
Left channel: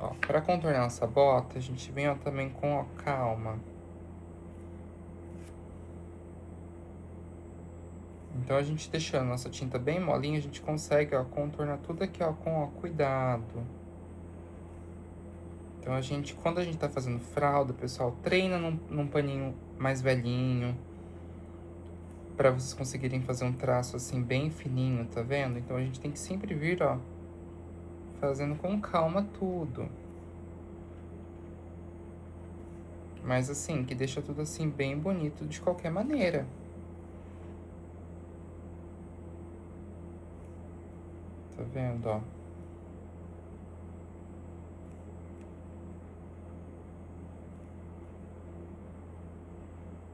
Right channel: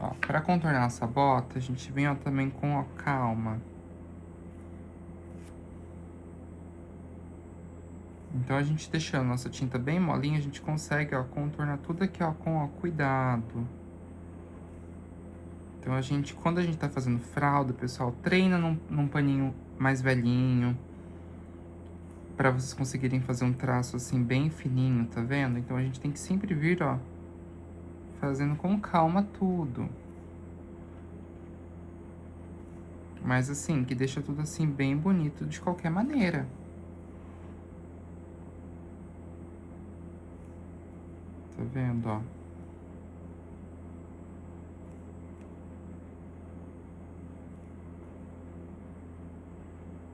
Ó, pra contornar nossa bota, a gente vem, ó, também com, ó, calma. Então, a gente deixando nossa tinta bem molinha, a gente consegue, ó, contornar tudo aqui, ó, com, ó, cuidado. Então, quando a gente tá fazendo fralda, pessoal, treina num paninho mais velhinho. Pra vocês conseguirem fazer um traço, assim, bem fininho, tá vendo? Então, a gente tem que sempre vir, ó, fazendo com calma tudo. Mas, assim, que deixa tudo, assim, bem bonito de qualquer maneira. Tá vendo, ó?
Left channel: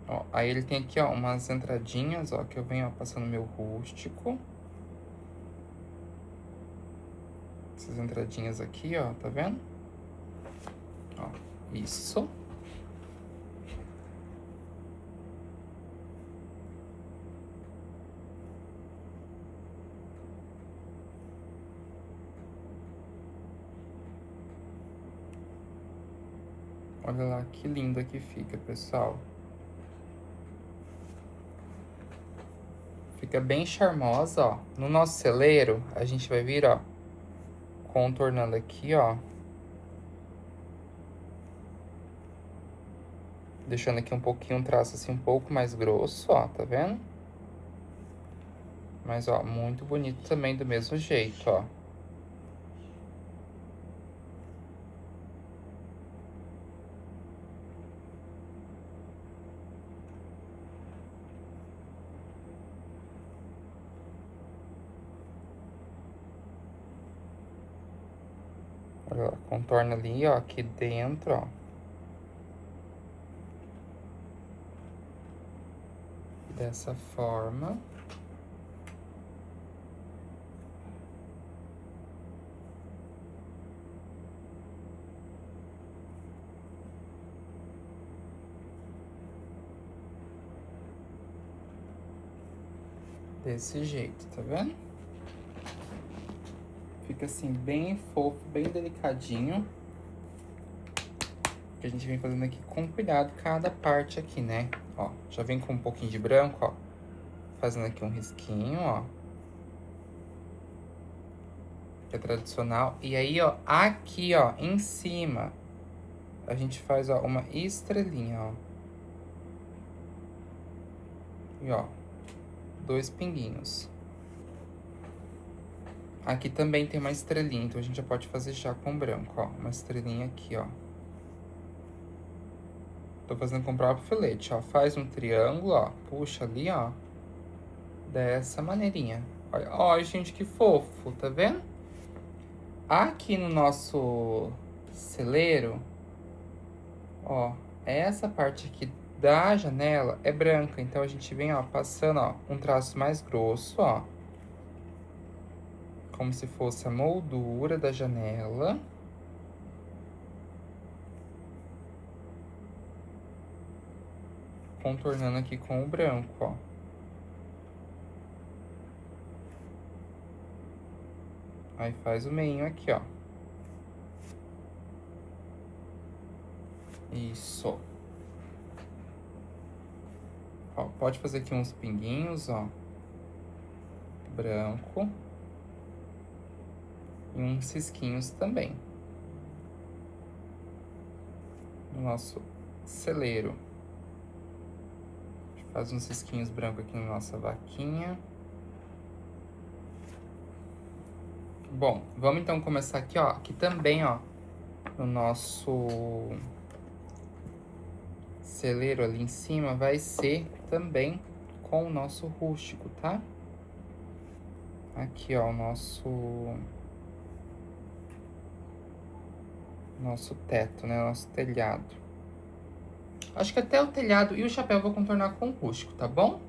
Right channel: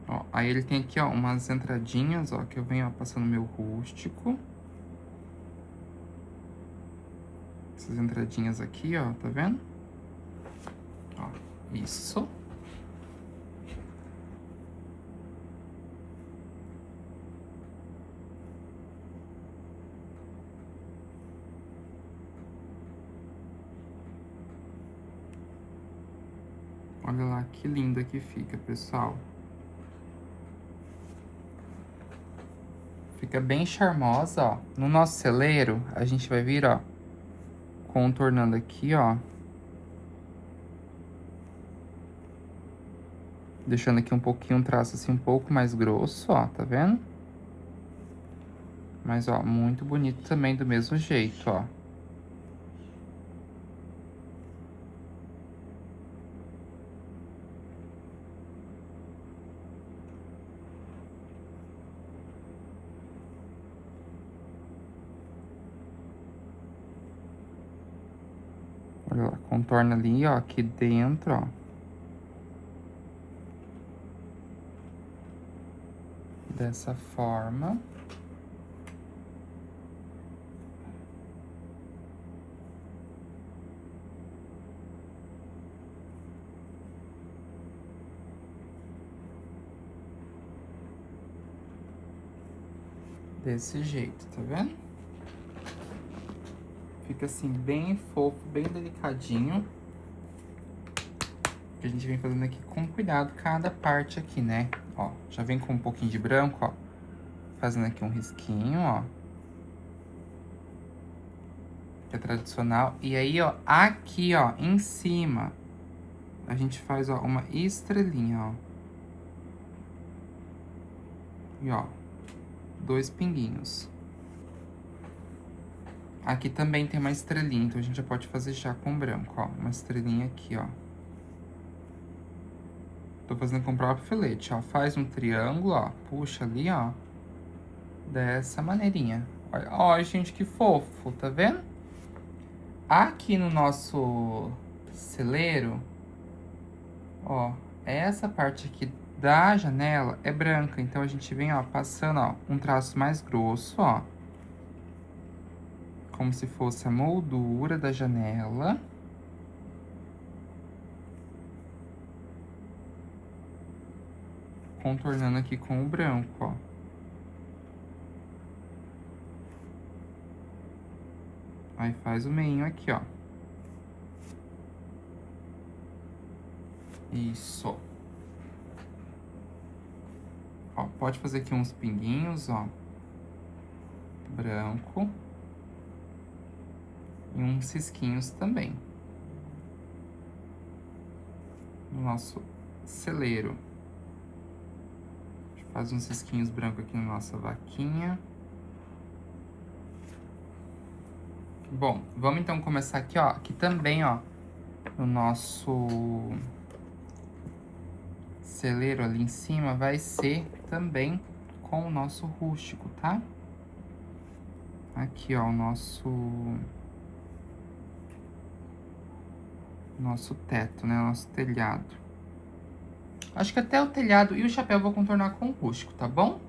Ó, aí ele tem aqui, ó, umas entradinhas, ó, que eu venho, ó, passando meu rústico. Essas entradinhas aqui, ó, tá vendo? Ó, isso. Olha lá que linda que fica, pessoal. Fica bem charmosa, ó. No nosso celeiro, a gente vai vir, ó, contornando aqui, ó. Deixando aqui um pouquinho, um traço assim um pouco mais grosso, ó, tá vendo? Mas, ó, muito bonito também do mesmo jeito, ó. Olha lá, contorna ali, ó, aqui dentro, ó. Dessa forma. Desse jeito, tá vendo? Fica assim, bem fofo, bem delicadinho. A gente vem fazendo aqui com cuidado cada parte aqui, né? Ó, já vem com um pouquinho de branco, ó. Fazendo aqui um risquinho, ó. Que é tradicional. E aí, ó, aqui, ó, em cima, a gente faz, ó, uma estrelinha, ó. E, ó, 2 pinguinhos. Aqui também tem uma estrelinha, então a gente já pode fazer já com branco, ó. Uma estrelinha aqui, ó. Tô fazendo com o próprio filete, ó. Faz um triângulo, ó. Puxa ali, ó. Dessa maneirinha. Olha, ó, gente, que fofo, tá vendo? Aqui no nosso celeiro, ó, essa parte aqui da janela é branca. Então, a gente vem, ó, passando, ó, um traço mais grosso, ó. Como se fosse a moldura da janela. Contornando aqui com o branco, ó. Aí faz o meinho aqui, ó. Isso. Ó, pode fazer aqui uns pinguinhos, ó. Branco. E uns cisquinhos também. No nosso celeiro. A gente faz uns cisquinhos brancos aqui na nossa vaquinha. Bom, vamos então começar aqui, ó. Aqui também, ó. No nosso celeiro ali em cima vai ser também com o nosso rústico, tá? Aqui, ó, o nosso teto, né? Nosso telhado. Acho que até o telhado e o chapéu eu vou contornar com o rústico, tá bom?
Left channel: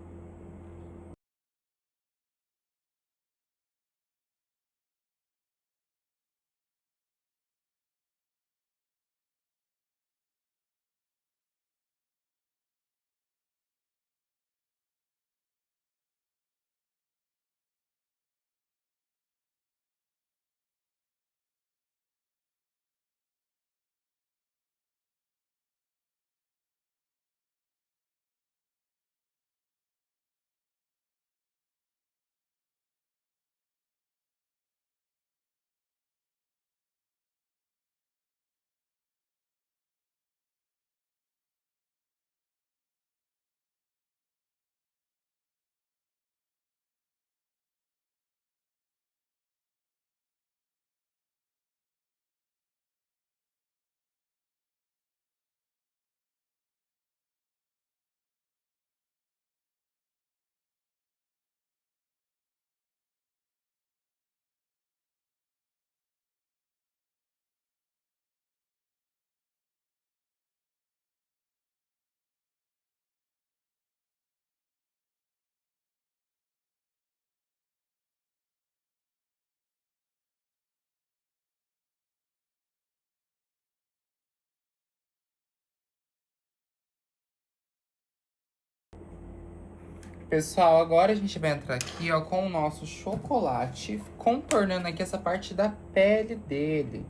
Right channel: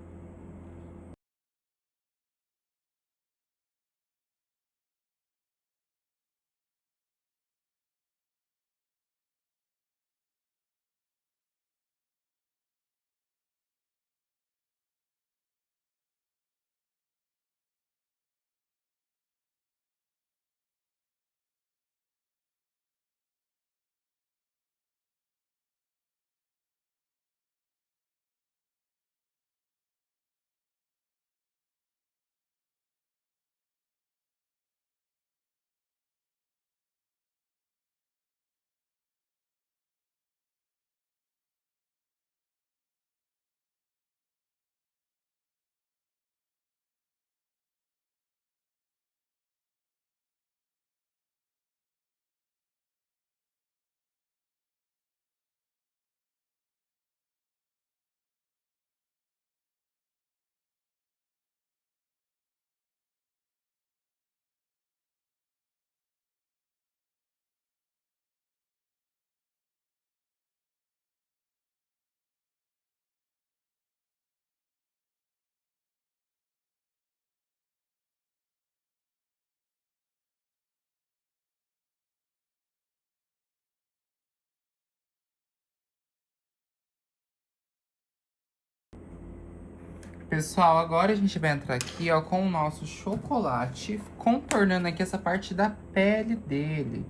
Pessoal, agora a gente vai entrar aqui, ó, com o nosso chocolate, contornando aqui essa parte da pele dele,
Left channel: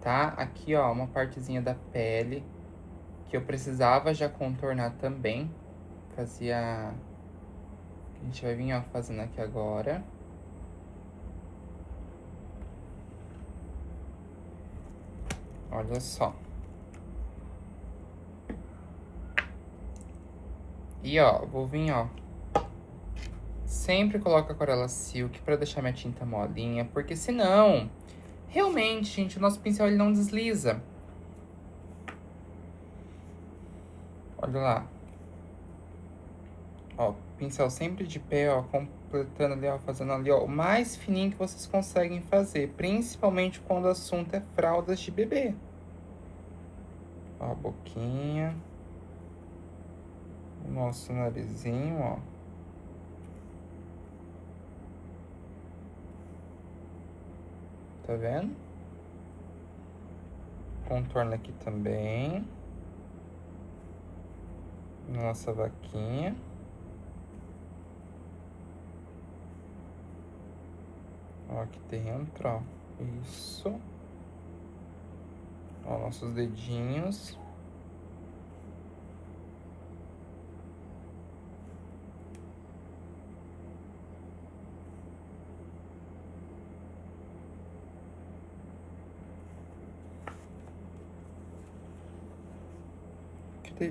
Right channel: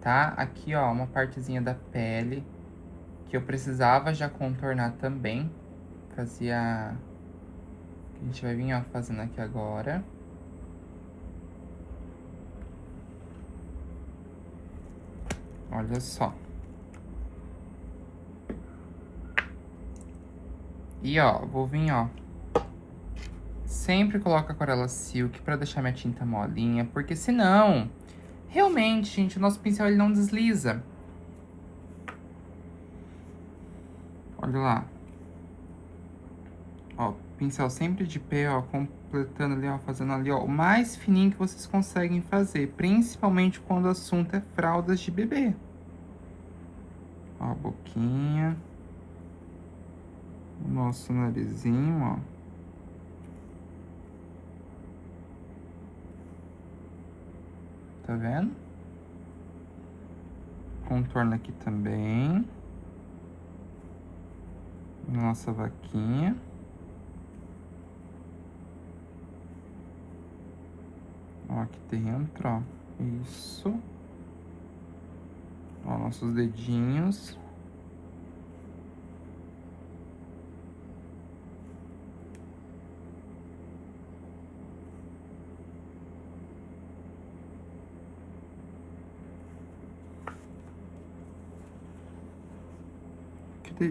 tá? Aqui, ó, uma partezinha da pele que eu precisava já contornar também. Fazia... A gente vai vir, ó, fazendo aqui agora. Olha só. E, ó, vou vir, ó. Sempre coloco aquarela silk pra deixar minha tinta molinha, porque senão, realmente, gente, o nosso pincel ele não desliza. Olha lá. Ó, pincel sempre de pé, ó, completando ali, ó, fazendo ali, ó, o mais fininho que vocês conseguem fazer, principalmente quando o assunto é fraldas de bebê. Ó, a boquinha. O nosso narizinho, ó. Tá vendo? Contorno aqui também. Nossa vaquinha. Ó, aqui dentro, ó. Isso. Ó, nossos dedinhos.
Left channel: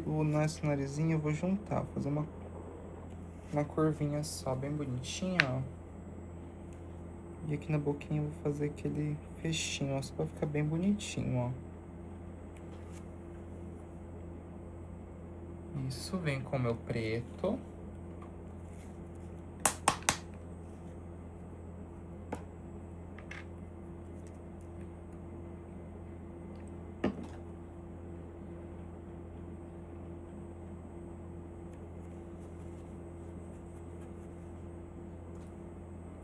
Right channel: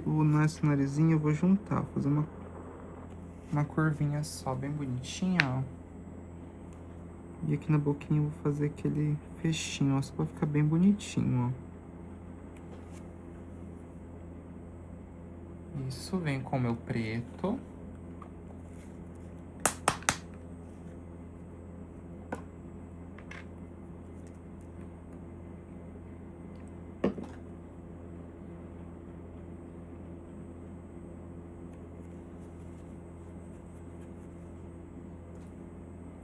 O nosso narizinho eu vou juntar, vou fazer uma curvinha só, bem bonitinha, ó. E aqui na boquinha eu vou fazer aquele fechinho, ó, só pra ficar bem bonitinho, ó. Isso, vem com o meu preto.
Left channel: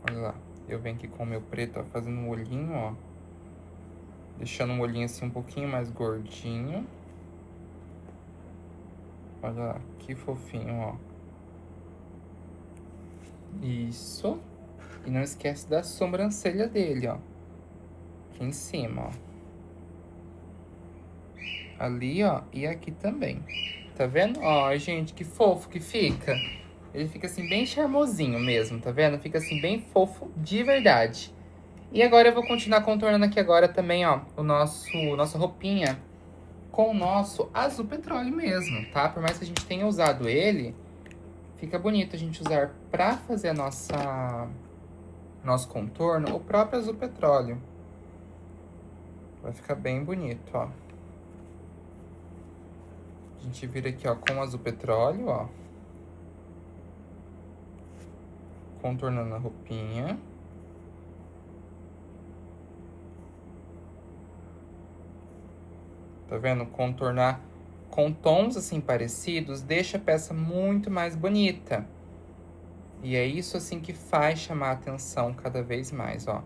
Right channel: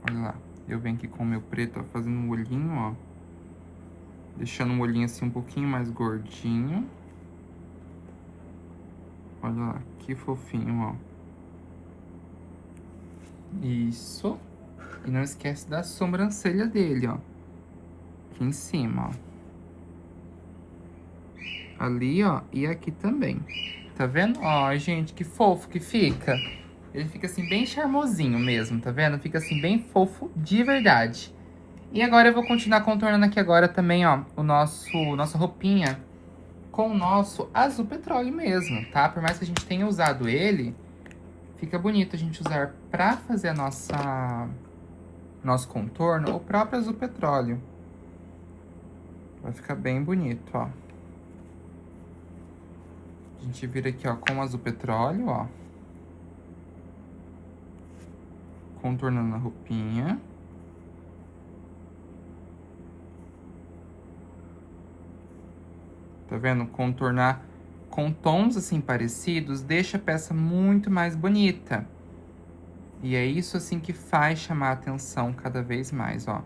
Olha lá, eu venho aqui com o meu preto, ó, fazendo um olhinho, ó. Deixando um olhinho assim um pouquinho mais gordinho. Olha lá, que fofinho, ó. Isso. E não esquece da sobrancelha dele, ó. Aqui em cima, ó. Ali, ó, e aqui também. Tá vendo? Ó, gente, que fofo que fica. Ele fica assim bem charmosinho mesmo, tá vendo? Fica assim bem fofo de verdade. E agora eu vou continuar contornando aqui agora também, ó, nossa roupinha com o nosso azul petróleo mesmo, tá? Por mais que a gente tenha usado ele, fica bonito a gente usar pra fazer a nosso contorno o próprio azul petróleo. Vai ficar bem bonito, ó. A gente vira aqui, ó, com o azul petróleo, ó. Contornando a roupinha. Tá vendo? Contornar com tons assim parecidos deixa a peça muito mais bonita. E é isso assim que faz chamar a atenção cada vez mais, ó.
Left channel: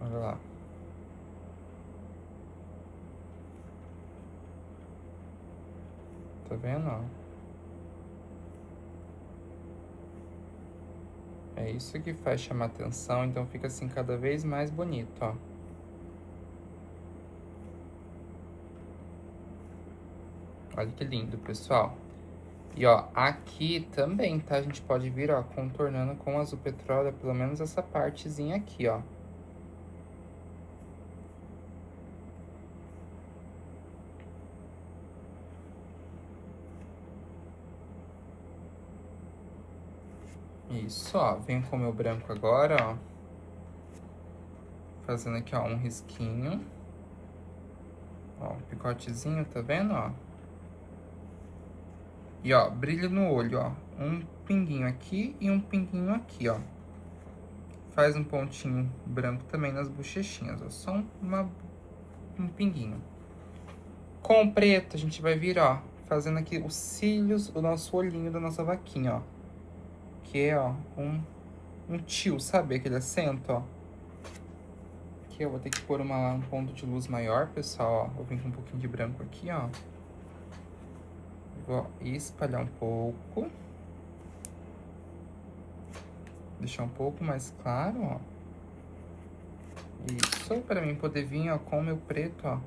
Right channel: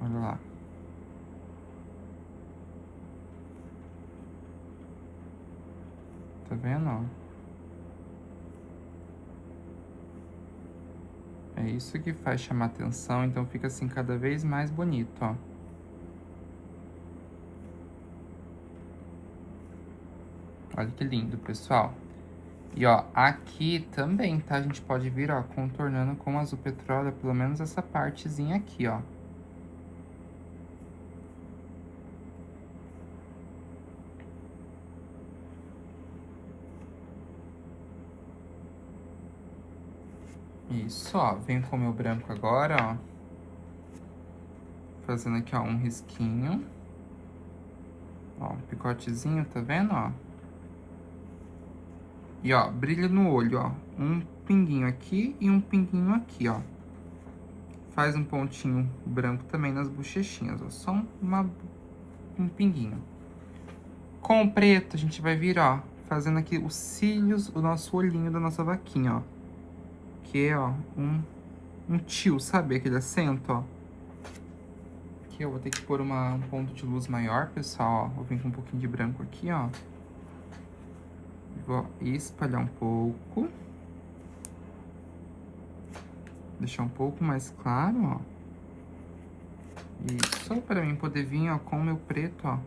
Olha lá. Tá vendo, ó? É isso que faz chamar atenção, então fica assim cada vez mais bonito, ó. Olha que lindo, pessoal. E, ó, aqui também, tá? A gente pode vir, ó, contornando com azul petróleo, pelo menos essa partezinha aqui, ó. Isso, ó. Venho com o meu branco agora, ó. Fazendo aqui, ó, um risquinho. Ó, um picotezinho, tá vendo, ó? E, ó, brilho no olho, ó. Um pinguinho aqui e um pinguinho aqui, ó. Faz um pontinho branco também nas bochechinhas, ó. Só um pinguinho. Com o preto, a gente vai vir, ó, fazendo aqui os cílios, o nosso olhinho da nossa vaquinha, ó. Que é, ó, um tio, sabe? Aquele acento, ó. Aqui eu vou ter que pôr um ponto de luz maior, pessoal, ó. Vou vir com um pouquinho de branco aqui, ó. Vou espalhar um pouco. Deixar um pouco mais claro, ó. Isso, pra mim poder vir, ó, com o meu preto, ó.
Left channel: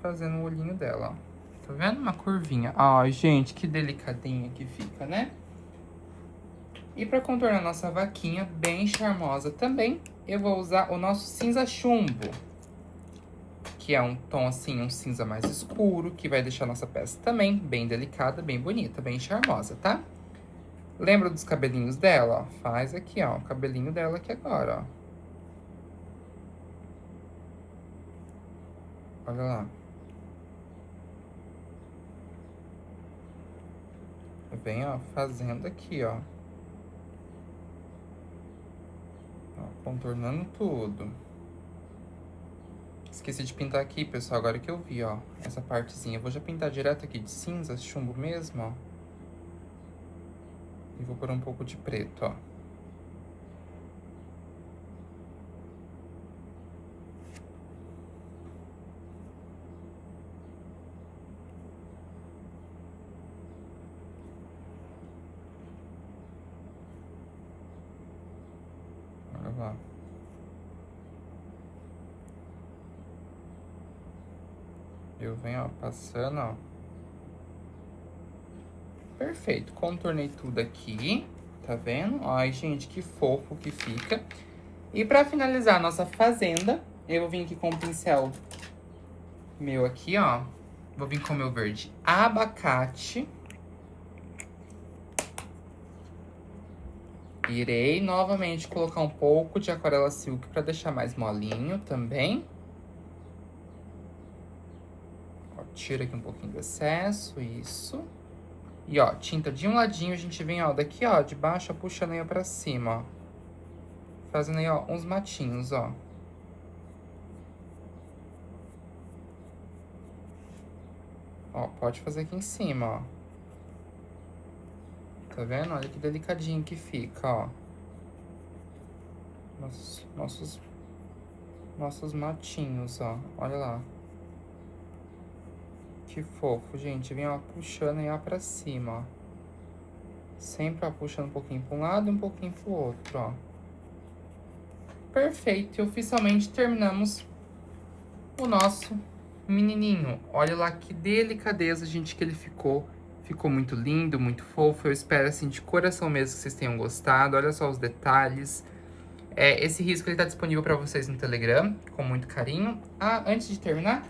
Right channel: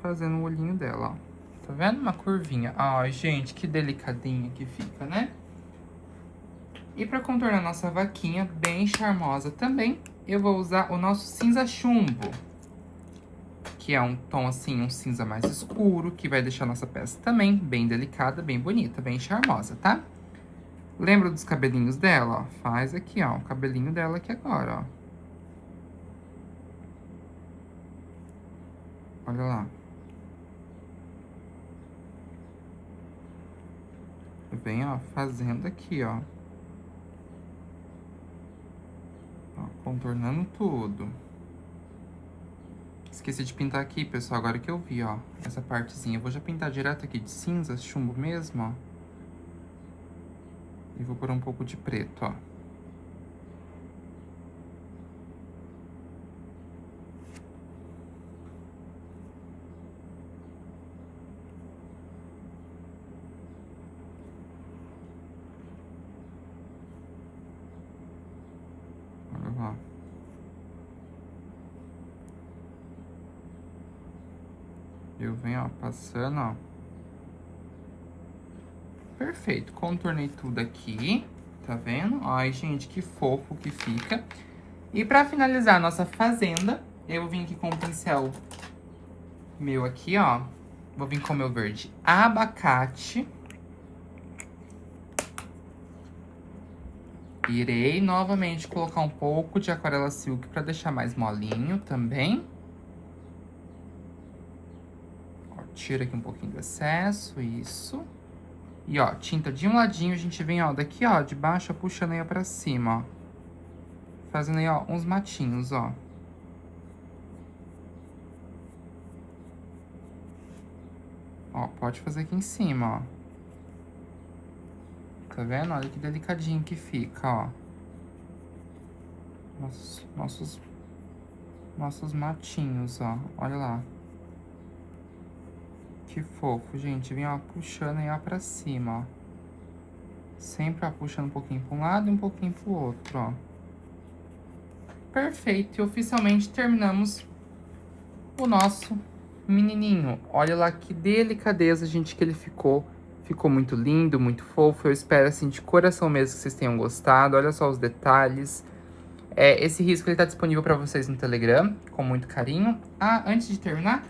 Fazendo o olhinho dela, ó. Tá vendo? Uma curvinha. Ai, gente, que delicadinha que fica, né? E pra contornar nossa vaquinha, bem charmosa também, eu vou usar o nosso cinza chumbo. Que é um tom, assim, um cinza mais escuro, que vai deixar nossa peça também bem delicada, bem bonita, bem charmosa, tá? Lembra dos cabelinhos dela, ó? Faz aqui, ó, o cabelinho dela aqui agora, ó. Olha lá. Vem, ó, fazendo aqui, ó. Ó, contornando tudo. Esqueci de pintar aqui, pessoal, agora que eu vi, ó. Essa partezinha. Eu vou já pintar direto aqui de cinza, chumbo mesmo, ó. E vou pôr um pouco de preto, ó. Olha lá. Eu venho, ó, passando, ó. Perfeito. Contornei tudo aqui. Tá vendo? Ai, gente, que fofo que fica. E pra finalizar a nossa fazenda, eu vou vir aqui com o pincel meu aqui, ó. Vou vir com o meu verde abacate. Irei novamente colocar um pouco de aquarela silk pra deixar mais molinho também. Tira aqui um pouquinho do excesso, isso. E, ó, tinta de um ladinho, a gente vem, ó, daqui, ó, de baixo, puxando aí pra cima, ó. Fazendo aí, ó, uns matinhos, ó. Ó, pode fazer aqui em cima, ó. Tá vendo? Olha que delicadinho que fica, ó. Nossos matinhos, ó. Olha lá. Que fofo, gente. Vem, ó, puxando aí, ó, pra cima, ó. Sempre, ó, puxando um pouquinho pra um lado e um pouquinho pro outro, ó. Perfeito. E oficialmente terminamos o nosso menininho. Olha lá que delicadeza, gente, que ele ficou. Ficou muito lindo, muito fofo. Eu espero, assim, de coração mesmo que vocês tenham gostado. Olha só os detalhes. Esse risco, ele tá disponível pra vocês no Telegram, com muito carinho. Ah, antes de terminar,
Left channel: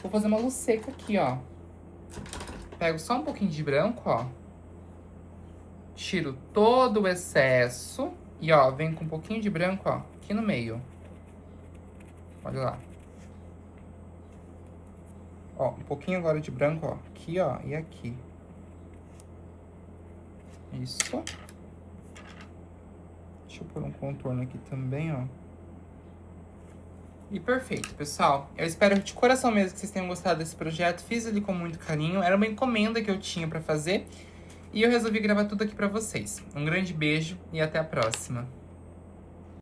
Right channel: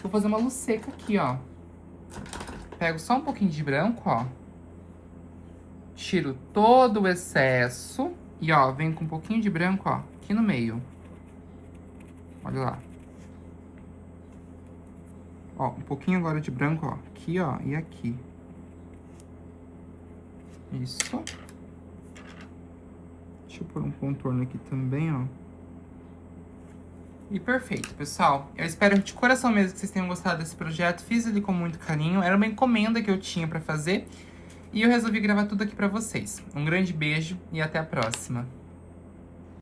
vou fazer uma luz seca aqui, ó. Pego só um pouquinho de branco, ó. Tiro todo o excesso. E, ó, venho com um pouquinho de branco, ó, aqui no meio. Olha lá. Ó, um pouquinho agora de branco, ó. Aqui, ó, e aqui. Isso. Deixa eu pôr um contorno aqui também, ó. E perfeito, pessoal. Eu espero de coração mesmo que vocês tenham gostado desse projeto. Fiz ele com muito carinho. Era uma encomenda que eu tinha pra fazer. E eu resolvi gravar tudo aqui pra vocês. Um grande beijo e até a próxima.